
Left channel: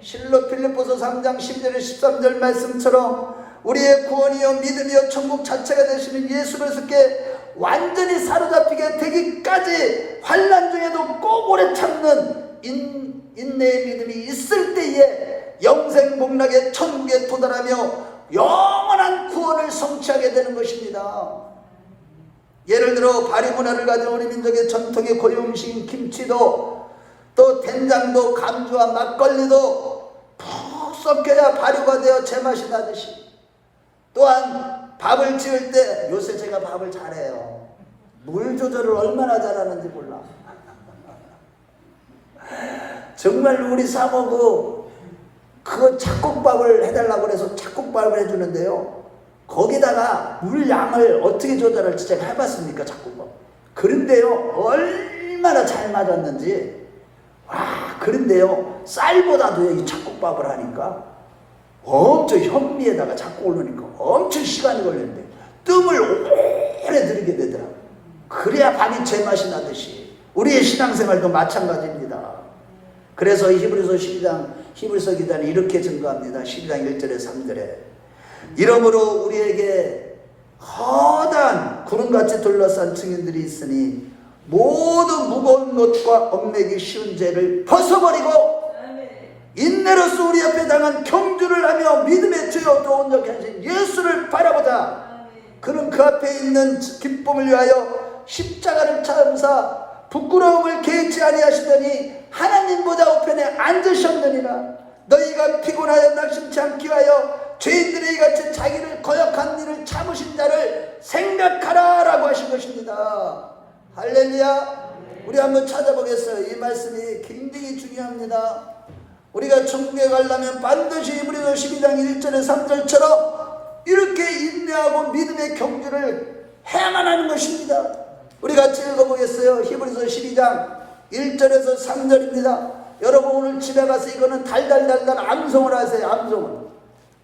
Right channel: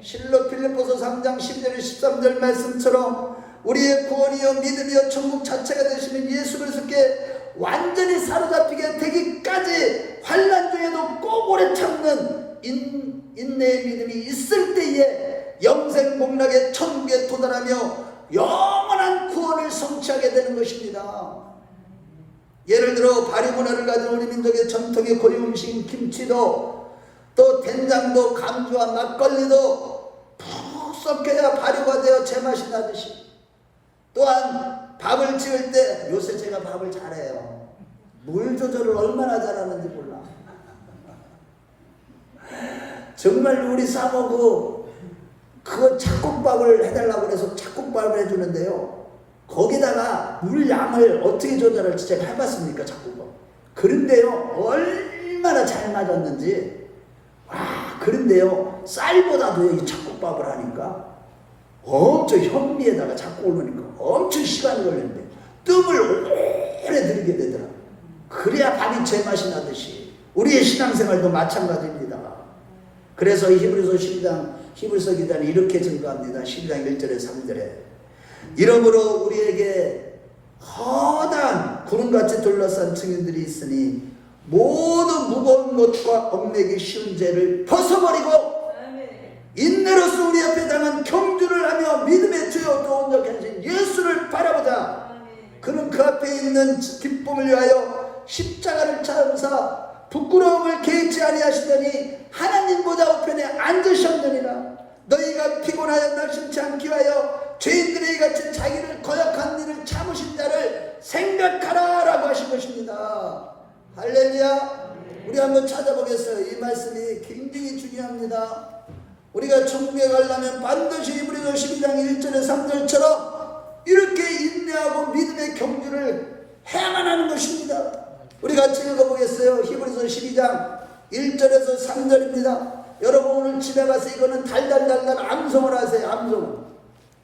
실로 필립보서 3장 10절 13절 말씀처럼 우리의 구원이요 믿음이요 천국 자체가 되시는 예수 그리스도께 완전히 사로잡히게 되기까지 환난 중에도 꼭 오래 참는 인내의 믿음이 있을 때에 영생 복락의 천국에 도달하며 영원한 구원을 성취하게 되는 것입니다. 예를 들어 발효 문화를 가진 우리 민족의 전통의 고유음식 김치도 또 된장도 감주와 막걸리도 푹 섞여야 발효가 되어 제맛이 나듯이 또한 밥을 지을 때 요새 제가 밥을 잘해요. 물 조절을 얼마나 잘하는지 몰라. 정말 우리 사모고 그 잣국밥을 해달라고 해서 잣국밥을 해주는데요. 거기다가 물 양을 어떻게 조절할지 제가 해봤습니까? 자꾸. 그런데요, 얼마나 잘 맞았는지. 그런데요, 쌀보다도 이 잡곡밥을 하니까 엄청 현미에다가 자꾸 오르니까 엄청 시간이 걸리는데 뜸을 오래 들이게 되더라. 그래야 밥이 제맛이 나듯이 우리의 신앙생활도 마찬가지입니다. 그래서 히브리서 2장이 이렇게 증거합니다. 12장 1절에 3절에 이러므로 우리에게 허다한 구름같이 둘러싼 증인들이 있으니 모든 무거운 것과 얽매기 쉬운 죄를 벗어버리고 인내로서 우리 앞에 당한 경주를 하며 믿음의 주여 또 온전하신 예수를 바라보자. 그는 그 앞에 있는 기쁨을 위하여 십자가를 참사 부끄러움을 개의치 아니하시더니 하나님 보좌 우편에 앉으셨느니라. 너희가 피곤하여 낙심치 않기 위하여 죄인들이 같이 자기를 거역한 일을 참으신 자를 생각하라 라고 하신 것입니다. 할렐루야. 우리 한번 찾아보겠어요. 이 말씀이 굉장히 중요합니다. 우리가 천국에 가려면 반드시 히브리서 12장 1절에 3절처럼 이렇게 인내하고 믿음의 경주를 해야만 하는 것입니다. 우리 같이 읽어보겠어요. 히브리서 12장 1절에서 3절입니다. 여러분 오늘 집에 가서 이거는 달달달달 암송을 하세요. 암송을.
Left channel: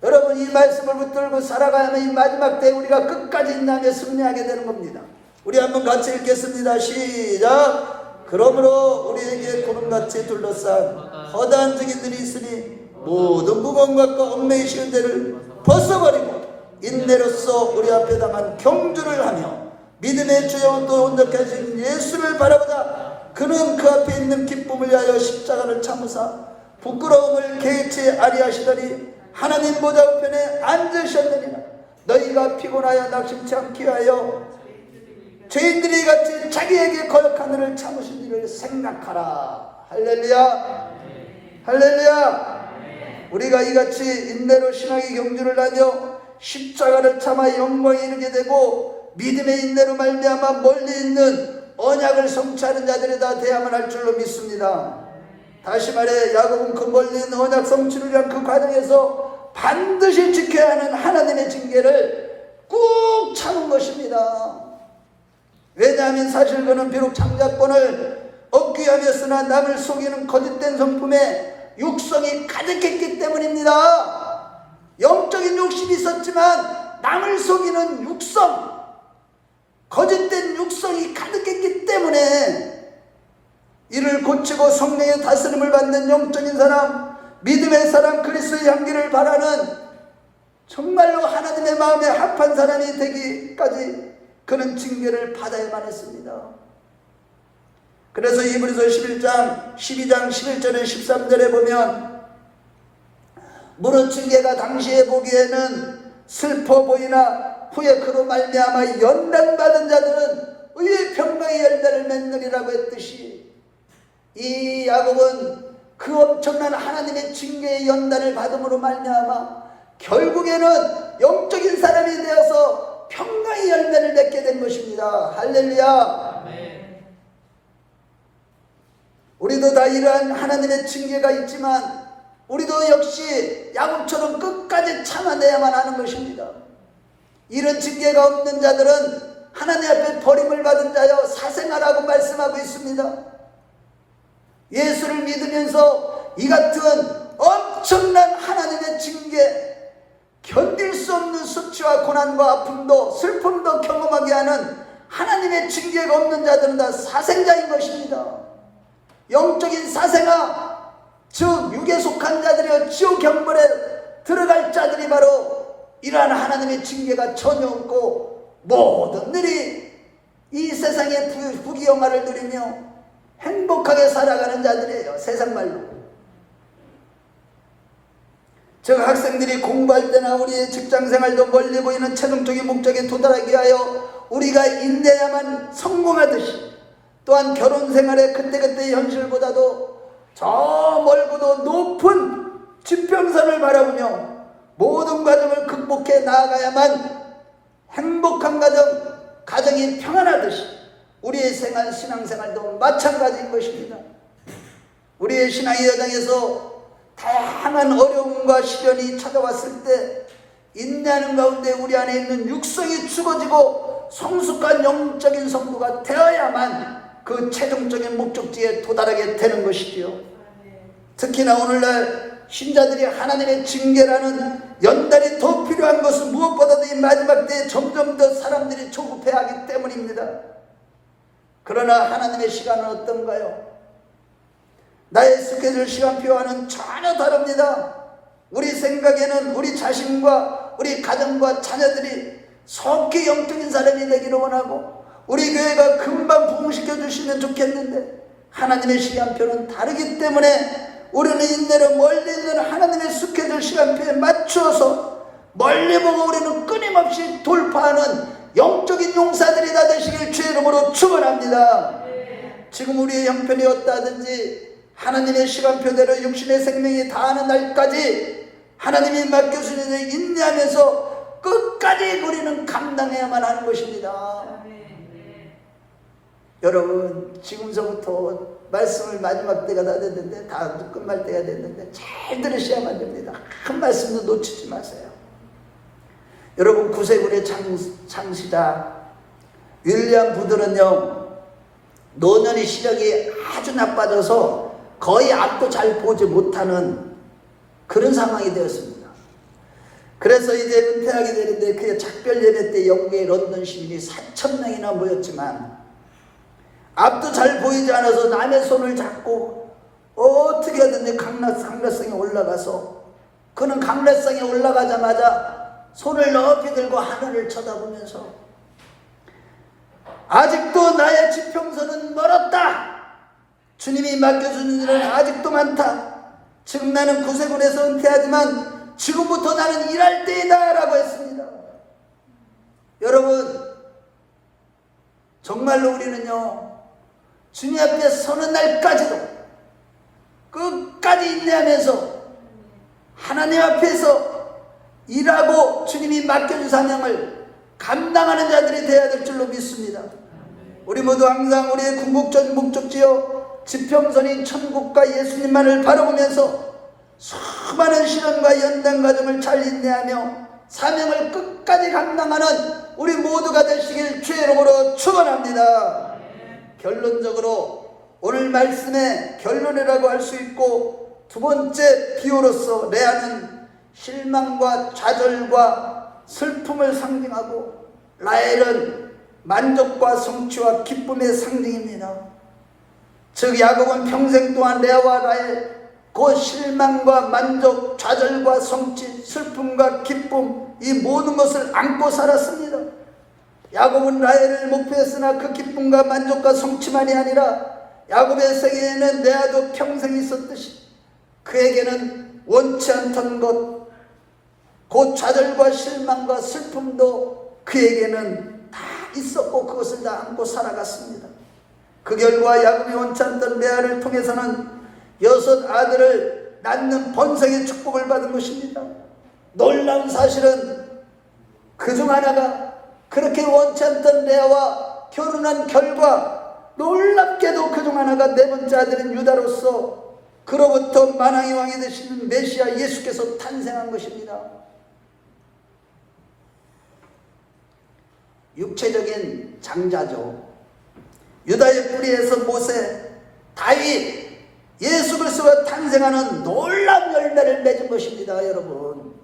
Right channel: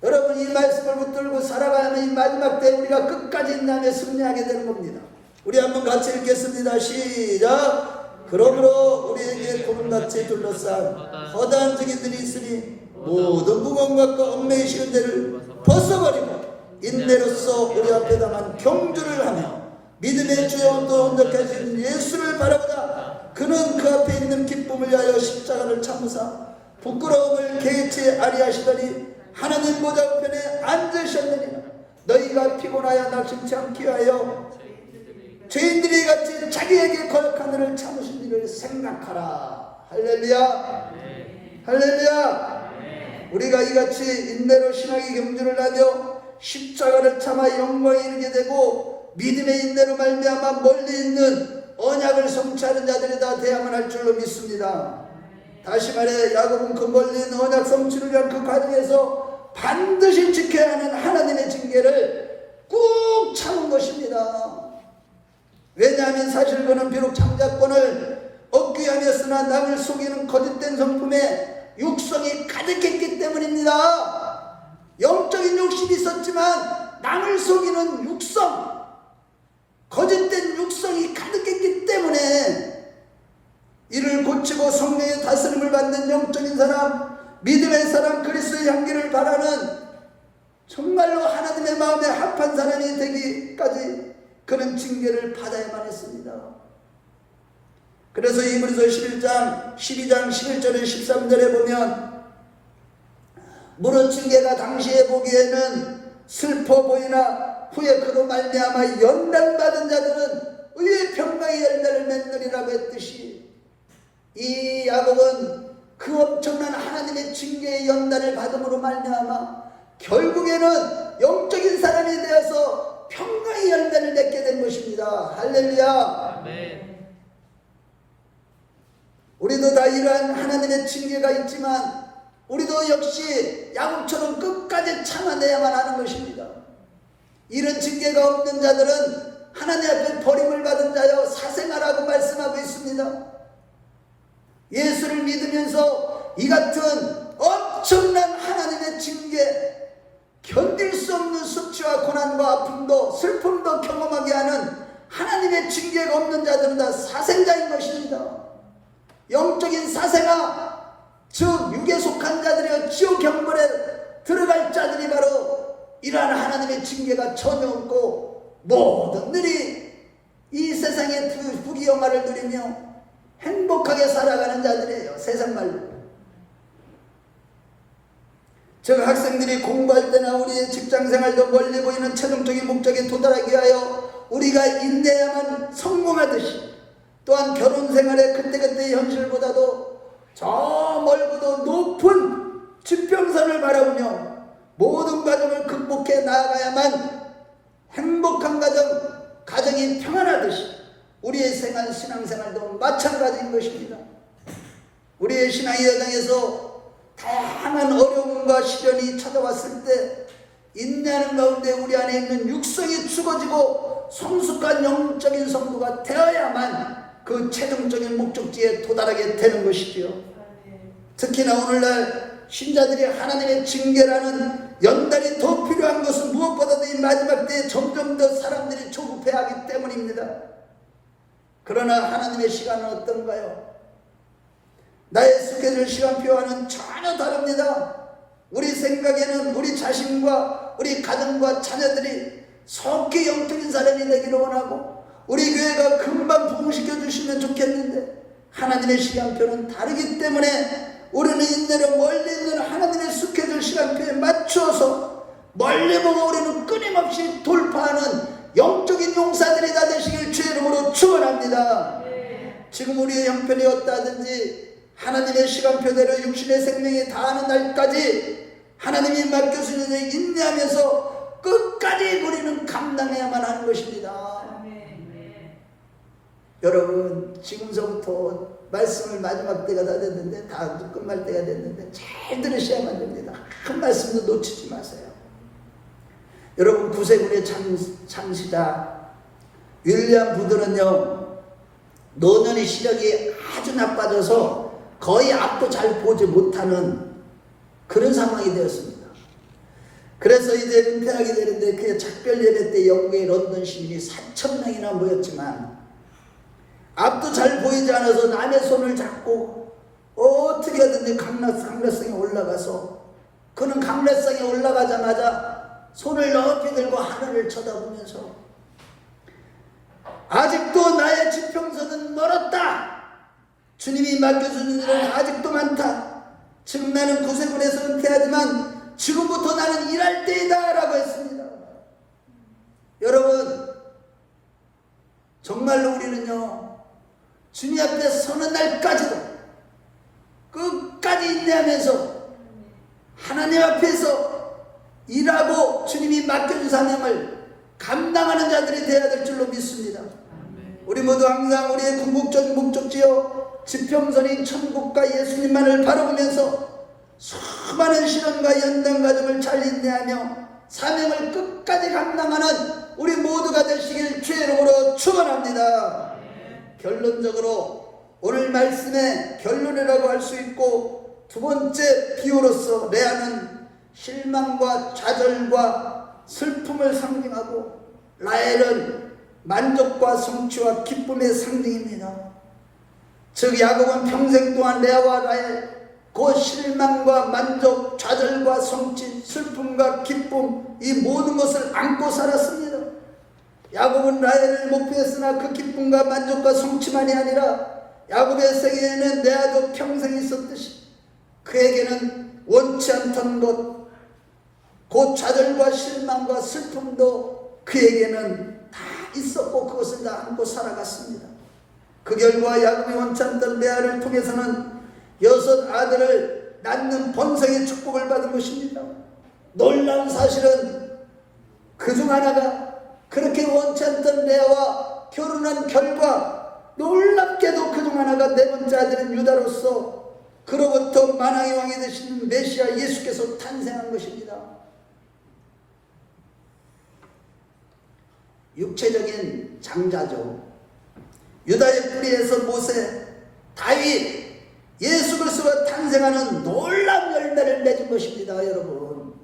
여러분 이 말씀을 붙들고 살아가야만 이 마지막 때 우리가 끝까지 인내하며 승리하게 되는 겁니다. 우리 한번 같이 읽겠습니다. 시작. 그러므로 우리에게 구름같이 둘러싼 허다한 증인들이 있으니 모든 무거운 것과 얽매이 쉬운 죄를 벗어버리고 인내로서 우리 앞에 당한 경주를 하며 믿음의 주의 온도 온전케 하신 예수를 바라보자. 그는 그 앞에 있는 기쁨을 위하여 십자가를 참으사 부끄러움을 개의치 아니하시더니 하나님 보좌 우편에 앉으셨느니라. 너희가 피곤하여 낙심치 않게 하여 죄인들이 같이 자기에게 거역한 일을 참으신 일을 생각하라. 할렐루야. 할렐루야. 우리가 이같이 인내로 신앙의 경주를 하며 십자가를 참아 영광에 이르게 되고 믿음의 인내로 말미암아 멀리 있는 언약을 성취하는 자들이 다 되야만 할 줄로 믿습니다. 다시 말해 야곱은 그 멀리 있는 언약 성취를 위한 그 과정에서 반드시 지켜야 하는 하나님의 징계를 꾹 참은 것입니다. 왜냐하면 사실 그는 비록 창작권을 얻기 위함이었으나 남을 속이는 거짓된 성품에 육성이 가득했기 때문입니다. 영적인 욕심이 있었지만 남을 속이는 육성, 거짓된 육성이 가득했기 때문에 이를 고치고 성령의 다스림을 받는 영적인 사람, 믿음의 사람, 그리스도의 향기를 바라는 정말로 하나님의 마음에 합한 사람이 되기까지 그는 징계를 받아야만 했습니다. 그래서 히브리서 12장 11절에 13절에 보면 무릇 징계가 당시에 보기에는 슬퍼 보이나 후에 그로 말미암아 연단받은 자들은 의의 평강의 열매를 맺느리라고 했듯이 이 야곱은 그 엄청난 하나님의 징계의 연단을 받음으로 말미암아 결국에는 영적인 사람이 되어서 평강의 열매를 맺게 된 것입니다. 할렐루야. 네. 우리도 다 이러한 하나님의 징계가 있지만 우리도 역시 야곱처럼 끝까지 참아내야만 하는 것입니다. 이런 징계가 없는 자들은 하나님 앞에 버림을 받은 자여 사생아라고 말씀하고 있습니다. 예수를 믿으면서 이 같은 엄청난 하나님의 징계, 견딜 수 없는 수치와 고난과 아픔도 슬픔도 경험하게 하는 하나님의 징계가 없는 자들은 다 사생자인 것입니다. 영적인 사생아, 즉 육에 속한 자들이여 지옥 경벌에 들어갈 자들이 바로 이러한 하나님의 징계가 전혀 없고 모든 일이 이 세상의 부귀영화를 누리며 행복하게 살아가는 자들이에요. 세상말로. 즉 학생들이 공부할 때나 우리의 직장생활도 멀리 보이는 최종적인 목적에 도달하기 위하여 우리가 인내야만 성공하듯이 또한 결혼생활의 그때그때 현실보다도 저 멀고도 높은 지평선을 바라보며 모든 과정을 극복해 나아가야만 행복한 가정이 평안하듯이 우리의 신앙생활도 마찬가지인 것입니다. 우리의 신앙의 여정에서 다양한 어려움과 시련이 찾아왔을 때 인내하는 가운데 우리 안에 있는 육성이 죽어지고 성숙한 영적인 성도가 되어야만 그 최종적인 목적지에 도달하게 되는 것이지요. 특히나 오늘날 신자들이 하나님의 징계라는 연단이 더 필요한 것은 무엇보다도 이 마지막 때에 점점 더 사람들이 조급해하기 때문입니다. 그러나 하나님의 시간은 어떤가요? 나의 스케줄 시간표와는 전혀 다릅니다. 우리 생각에는 우리 자신과 우리 가정과 자녀들이 속히 영적인 사람이 되기를 원하고 우리 교회가 금방 부흥시켜 주시면 좋겠는데 하나님의 시간표는 다르기 때문에 우리는 인내로 멀리 있는 하나님의 스케줄 시간표에 맞추어서 멀리 보고 우리는 끊임없이 돌파하는 영적인 용사들이 다 되시길 주의 이름으로 축원합니다. 지금 우리의 형편이 어떠하든지 하나님의 시간표대로 육신의 생명이 다하는 날까지 하나님이 맡겨주신 일을 인내하면서 끝까지 우리는 감당해야만 하는 것입니다. 여러분, 지금서부터 말씀을 마지막 때가 다 됐는데, 다 끝날 때가 됐는데 잘 들으셔야만 됩니다. 한 말씀도 놓치지 마세요. 여러분, 구세군의 창시자 윌리엄 부드는요, 노년이 시력이 아주 나빠져서 거의 앞도 잘 보지 못하는 그런 상황이 되었습니다. 그래서 이제 은퇴하게 되는데 그의 작별 예배 때 영국의 런던 시민이 4,000명이나 모였지만 앞도 잘 보이지 않아서 남의 손을 잡고 어떻게 하든지 강락상에 올라가서 그는 강락상에 올라가자마자 손을 높이 들고 하늘을 쳐다보면서 아직도 나의 지평선은 멀었다. 주님이 맡겨주는 일은 아직도 많다. 지금 나는 구세군에서 은퇴하지만 지금부터 나는 일할 때이다 라고 했습니다. 여러분, 정말로 우리는요, 주님 앞에 서는 날까지도 끝까지 인내하면서 하나님 앞에서 일하고 주님이 맡겨준 사명을 감당하는 자들이 되어야 될 줄로 믿습니다. 우리 모두 항상 우리의 궁극적인 목적지요 지평선인 천국과 예수님만을 바라보면서 수많은 시련과 연단 과정을 잘 인내하며 사명을 끝까지 감당하는 우리 모두가 되시길 주의 이름으로 축원합니다. 결론적으로 오늘 말씀의 결론이라고 할 수 있고 두 번째 비유로서 레아는 실망과 좌절과 슬픔을 상징하고 라헬은 만족과 성취와 기쁨의 상징입니다. 즉 야곱은 평생 동안 레아와 라헬 그 실망과 만족, 좌절과 성취, 슬픔과 기쁨 이 모든 것을 안고 살았습니다. 야곱은 라헬을 목표했으나 그 기쁨과 만족과 성취만이 아니라 야곱의 세계에는 레아도 평생 있었듯이 그에게는 원치 않던 것, 곧 좌절과 실망과 슬픔도 그에게는 다 있었고 그것을 다 안고 살아갔습니다. 그 결과 야곱이 원치 않던 레아를 통해서는 6 아들을 낳는 번성의 축복을 받은 것입니다. 놀라운 사실은 그중 하나가 그렇게 원치 않던 레아와 결혼한 결과 놀랍게도 그중 하나가 4번째 아들인 유다로서 그로부터 만왕의 왕이 되시는 메시아 예수께서 탄생한 것입니다. 육체적인 장자죠. 유다의 뿌리에서 모세, 다윗, 예수 그리스도가 탄생하는 놀라운 열매를 맺은 것입니다. 여러분,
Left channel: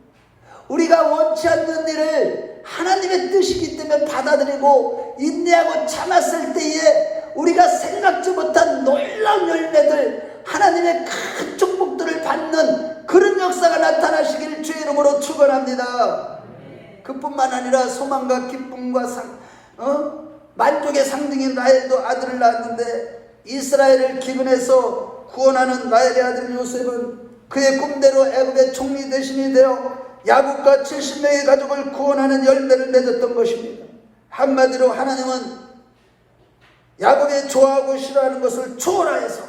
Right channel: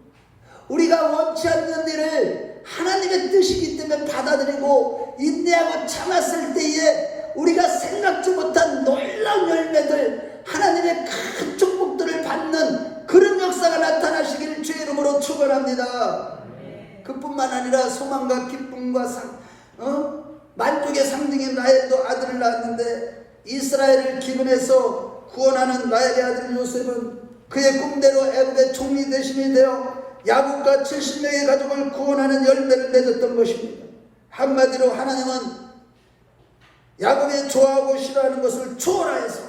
우리가 원치 않는 일을 하나님의 뜻이기 때문에 받아들이고 인내하고 참았을 때에 우리가 생각지 못한 놀라운 열매들, 하나님의 큰 축복들을 받는 그런 역사가 나타나시기를 주의 이름으로 축원합니다. 그뿐만 아니라 소망과 기쁨과 만족의 상징인 라헬도 아들을 낳았는데 이스라엘을 기근해서 구원하는 라헬의 아들 요셉은 그의 꿈대로 애굽의 총리 대신이 되어 야곱과 70명의 가족을 구원하는 열매를 맺었던 것입니다. 한마디로 하나님은 야곱이 좋아하고 싫어하는 것을 초월하여서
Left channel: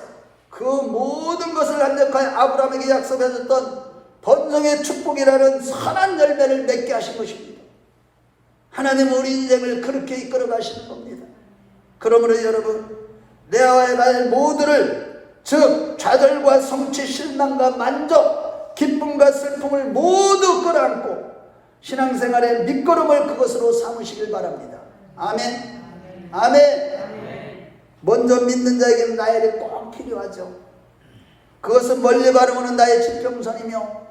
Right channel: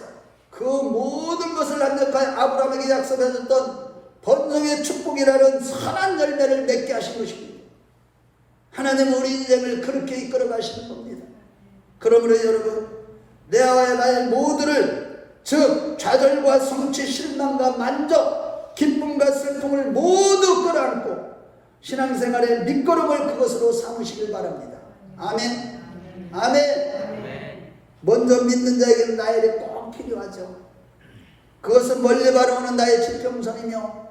그 모든 것을 완벽하게 아브라함에게 약속해줬던 번성의 축복이라는 선한 열매를 맺게 하신 것입니다. 하나님은 우리 인생을 그렇게 이끌어 가시는 겁니다. 그러므로 여러분, 레아와 라헬 모두를, 즉 좌절과 성취, 실망과 만족, 기쁨과 슬픔을 모두 끌어안고 신앙생활의 밑거름을 그것으로 삼으시길 바랍니다. 아멘. 아멘. 먼저 믿는 자에게는 나에게 꼭 필요하죠. 그것은 멀리 바라보는 나의 지평선이며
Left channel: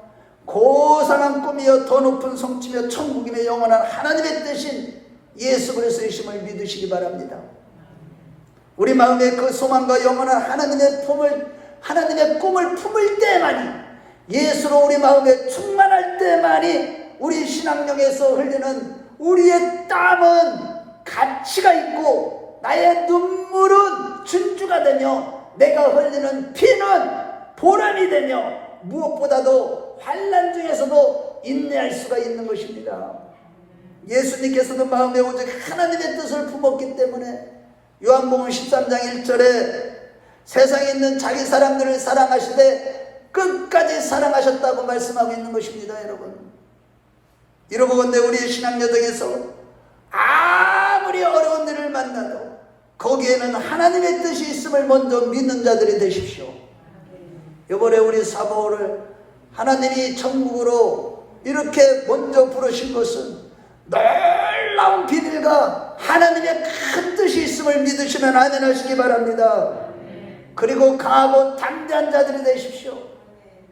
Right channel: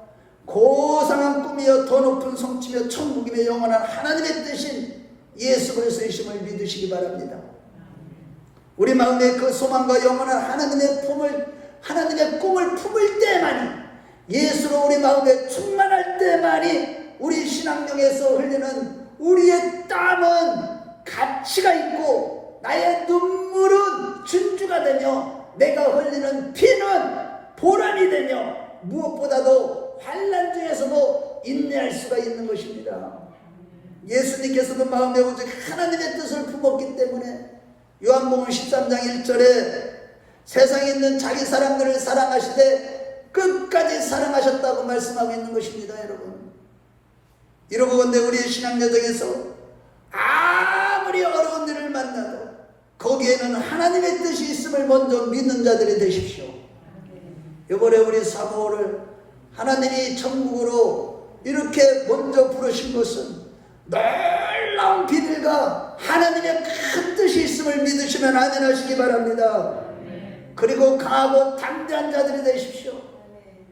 고상한 꿈이여 더 높은 성취며 천국이며 영원한 하나님의 뜻인 예수 그리스도의 심을 믿으시기 바랍니다. 우리 마음에 그 소망과 영원한 하나님의 꿈을 품을 때만이, 예수로 우리 마음에 충만할 때만이 우리 신앙령에서 흘리는 우리의 땀은 가치가 있고 나의 눈물은 진주가 되며 내가 흘리는 피는 보람이 되며 무엇보다도 환난 중에서도 인내할 수가 있는 것입니다. 예수님께서도 마음에 오직 하나님의 뜻을 품었기 때문에 요한복음 13장 1절에 세상에 있는 자기 사람들을 사랑하시되 끝까지 사랑하셨다고 말씀하고 있는 것입니다. 여러분, 이러고건대 우리 신앙 여정에서 아무리 어려운 일을 만나도 거기에는 하나님의 뜻이 있음을 먼저 믿는 자들이 되십시오. 이번에 우리 사모를 하나님이 천국으로 이렇게 먼저 부르신 것은 놀라운 비밀과 하나님의 큰 뜻이 있음을 믿으시면 아멘 하시기 바랍니다. 그리고 강하고 담대한 자들이 되십시오.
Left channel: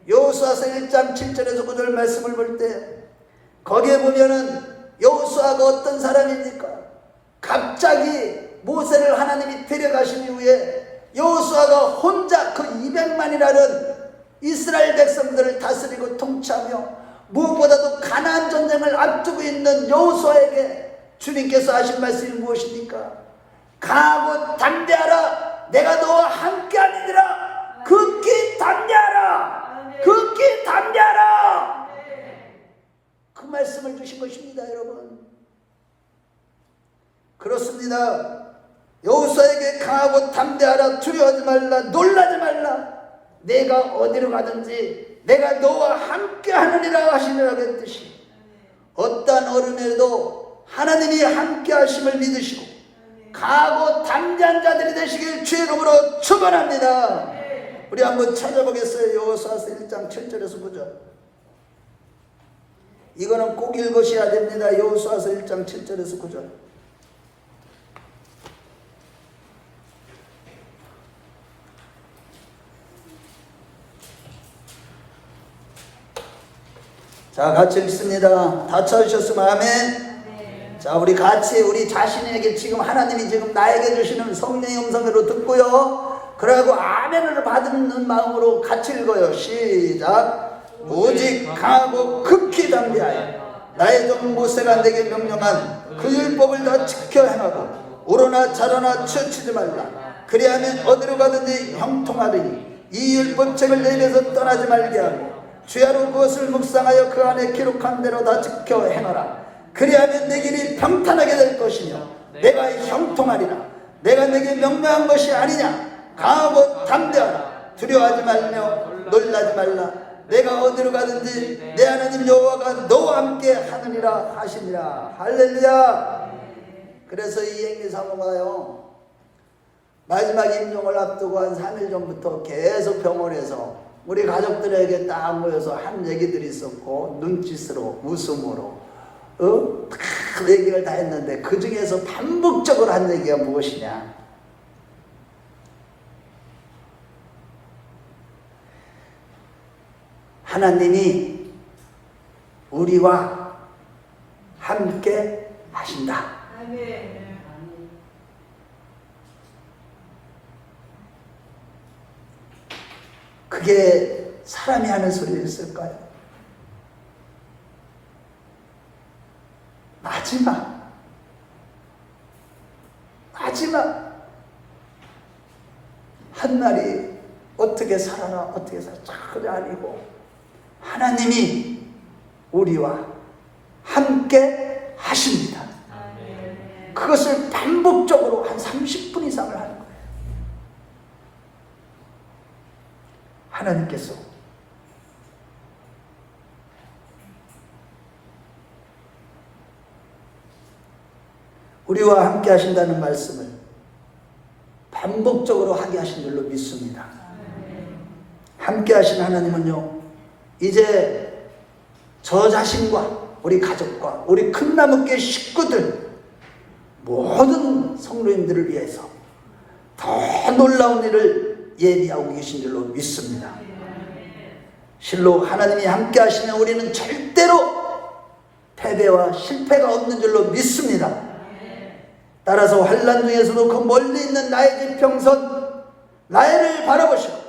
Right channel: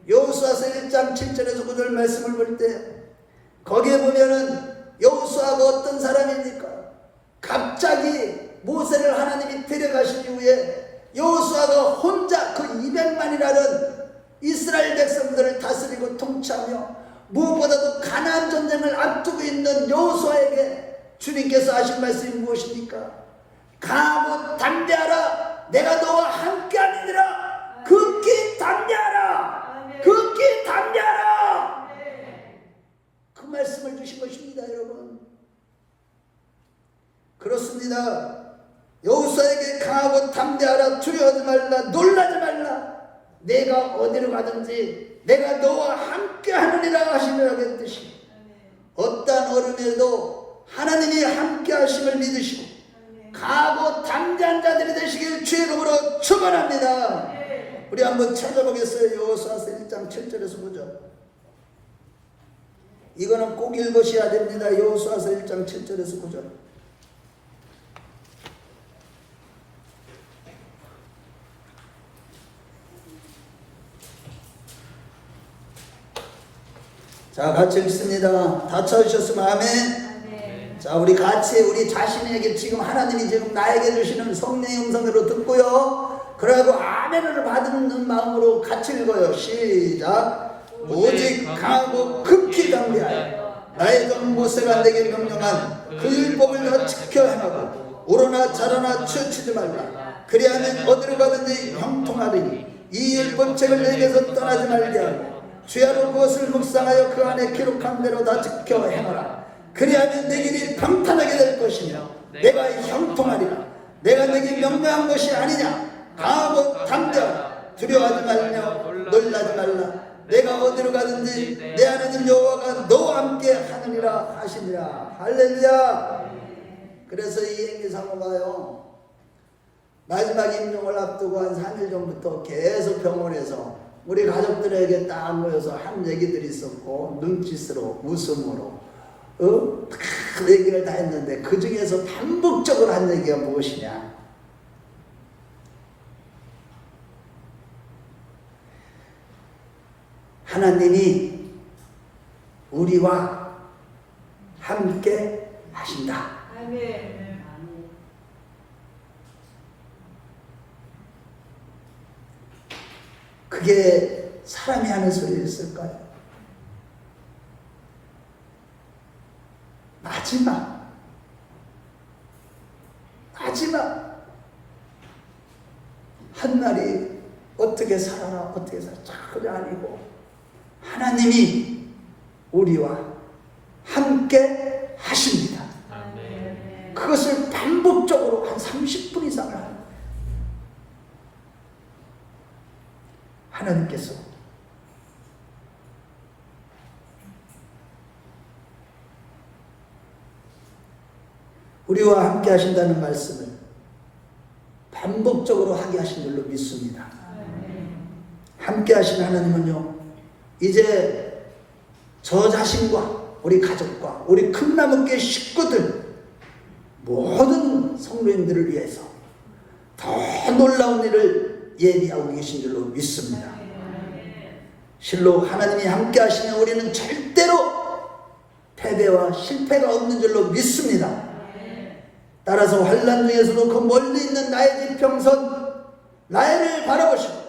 여호수아서 1장 7절에서 9절 말씀을 볼 때 거기에 보면은 여호수아가 어떤 사람입니까? 갑자기 모세를 하나님이 데려가신 이후에 여호수아가 혼자 그 200만이라는 이스라엘 백성들을 다스리고 통치하며 무엇보다도 가나안 전쟁을 앞두고 있는 여호수아에게 주님께서 하신 말씀이 무엇입니까? 강하고 담대하라, 내가 너와 함께하느니라. 극히 담대하라, 극히 담대하라. 그 말씀을 주신 것입니다. 여러분, 그렇습니다. 여호수아에게 강하고 담대하라, 두려워하지 말라, 놀라지 말라, 내가 어디로 가든지 내가 너와 함께 하느니라 하시니라 했듯이 어떠한 어려움에도 하나님이 함께 하심을 믿으시고 강하고 담대한 자들이 되시길 주의 이름으로 축원합니다. 우리 한번 찾아보겠어요. 여호수아서 1장 7절에서 9절. 이거는 꼭 읽으셔야 됩니다. 여호수아서 1장 7절에서 9절. 자, 같이 읽습니다. 다 찾으셨으면 아멘. 자, 우리 같이 우리 자신에게 지금 하나님이 지금 나에게 주시는 성령의 음성으로 듣고요. 그러고 아멘을 받는 마음으로 같이 읽어요. 시작. 오직 강하고 극히 담대하여 나의 종 모세가 내게 명령한 그 율법을 다 지켜 행하고 우러나 자라나 치우치지 말라. 그리하면 어디로 가든지 형통하리니 이 율법책을 내게서 떠나지 말게 하고 주야로 그것을 묵상하여 그 안에 기록한 대로 다 지켜 행하라. 그리하면 내 길이 평탄하게 될 것이며 내가 형통하리라. 내가 내게 명명한 것이 아니냐. 강하고 담대하라. 두려워하지 말며 놀라지 말라. 내가 어디로 가든지 내 하나님 여호와가 너와 함께 하느니라 하시니라. 할렐루야. 그래서 이 행리사모가요, 마지막 임종을 앞두고 한 3일 전부터 계속 병원에서 우리 가족들에게 딱 모여서 한 얘기들이 있었고 눈짓으로 웃음으로 다 얘기를 다 했는데 그 중에서 반복적으로 한 얘기가 무엇이냐. 하나님이 우리와 함께 하신다. 그게 사람이 하는 소리였을까요? 마지막 한 날이 어떻게 살아나 어떻게 살아 전혀 아니고 하나님이 우리와 함께 하십니다. 그것을 반복적으로 한 30분 이상을 하는 거예요. 하나님께서 우리와 함께 하신다는 말씀을 반복적으로 하게 하신 줄로 믿습니다. 함께 하신 하나님은요, 이제 저 자신과 우리 가족과 우리 큰나무교회 식구들 모든 성도님들을 위해서 더 놀라운 일을 예비하고 계신 줄로 믿습니다. 실로 하나님이 함께 하시면 우리는 절대로 패배와 실패가 없는 줄로 믿습니다. 따라서 환난 중에서도 그 멀리 있는 나의 지평선 나를 바라보시고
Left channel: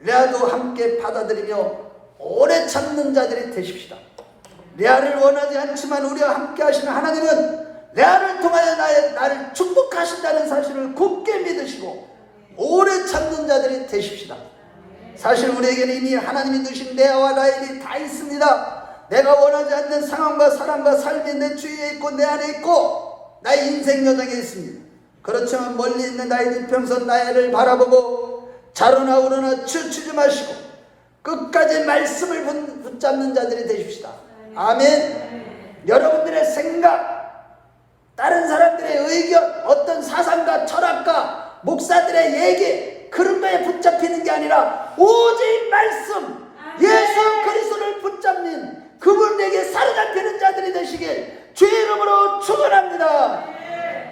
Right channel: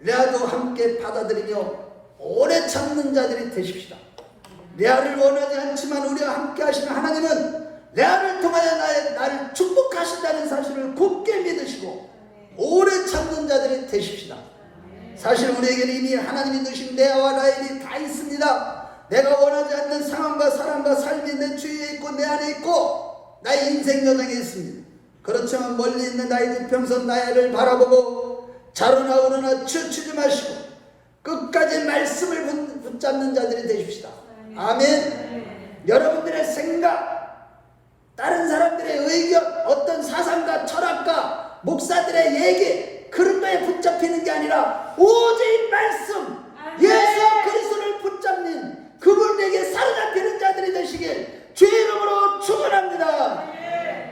레아도 함께 받아들이며 오래 참는 자들이 되십시다. 레아를 원하지 않지만 우리와 함께 하시는 하나님은 레아를 통하여 나를 축복하신다는 사실을 굳게 믿으시고 오래 참는 자들이 되십시다. 사실 우리에게는 이미 하나님이 주신 레아와 라헬이 다 있습니다. 내가 원하지 않는 상황과 사람과 삶이 내 주위에 있고 내 안에 있고 나의 인생 여정에 있습니다. 그렇지만 멀리 있는 나의 지평선 나를 바라보고 자로나 우러나 춤추지 마시고 끝까지 말씀을 붙잡는 자들이 되십시다. 아멘. 여러분들의 생각, 다른 사람들의 의견, 어떤 사상과 철학과 목사들의 얘기 그런 거에 붙잡히는 게 아니라 오직 말씀, 예수 그리스도를 붙잡는 그분에게 사로잡히는 자들이 되시길 주의 이름으로 축원합니다.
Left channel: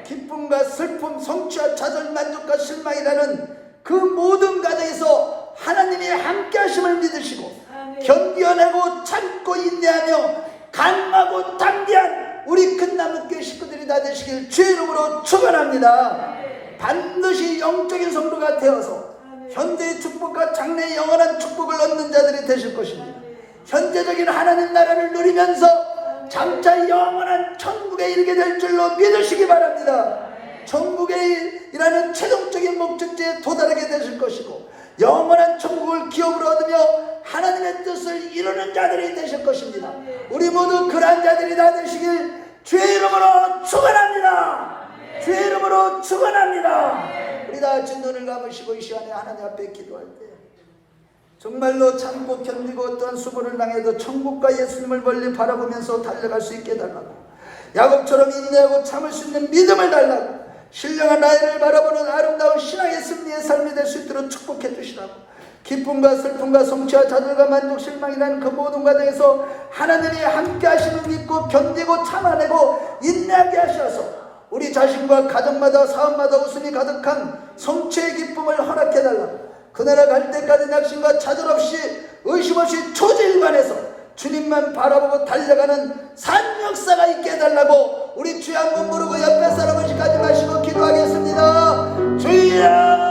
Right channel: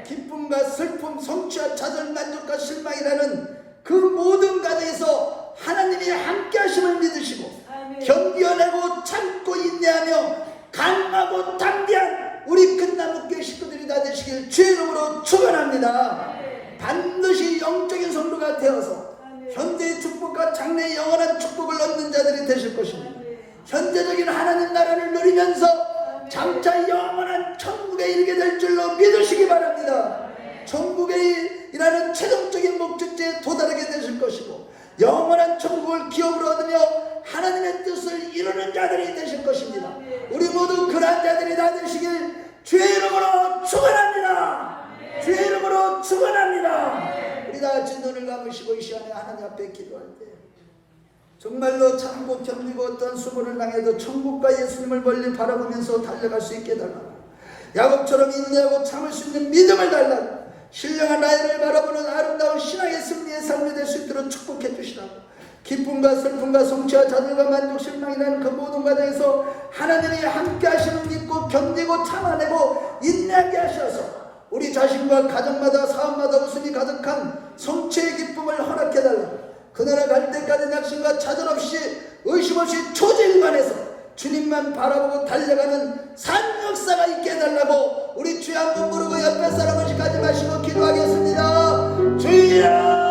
기쁨과 슬픔, 성취와 좌절, 만족과 실망이라는 그 모든 과정에서 하나님의 함께 하심을 믿으시고 견뎌내고 참고 인내하며 강하고 담대한 우리 큰나무교회 식구들이 다 되시길 주의 이름으로 축원합니다. 반드시 영적인 성도가 되어서 현대의 축복과 장래의 영원한 축복을 얻는 자들이 되실 것입니다. 현재적인 하나님 나라를 누리면서 장차 영원한 천국에 이르게 될 줄로 믿으시기 바랍니다. 천국에 일하는 최종적인 목적지에 도달하게 되실 것이고 영원한 천국을 기업으로 얻으며 하나님의 뜻을 이루는 자들이 되실 것입니다. 우리 모두 그러한 자들이 다 되시길 주의 이름으로 축원합니다. 주의 이름으로 축원합니다. 우리 다 같이 눈을 감으시고 이 시간에 하나님 앞에 기도할 때 정말로 참고 견디고 어떤 수고를 당해도 천국과 예수님을 멀리 바라보면서 달려갈 수 있게 해달라고, 야곱처럼 인내하고 참을 수 있는 믿음을 달라고, 신령한 나이를 바라보는 아름다운 신앙의 승리의 삶이 될 수 있도록 축복해 주시라고, 기쁨과 슬픔과 성취와 좌절과 만족 실망이라는 그 모든 과정에서 하나님이 함께 하시는 믿고 견디고 참아내고 인내하게 하셔서 우리 자신과 가정마다 사업마다 웃음이 가득한 성취의 기쁨을 허락해달라고, 그 나라 갈 때까지 낙심과 좌절 없이 의심 없이 초지일관해서 주님만 바라보고 달려가는 삶 역사가 있게 해달라고 우리 주여 한번 부르고 옆에 사람을 가지 마시고 기도하겠습니다. 주여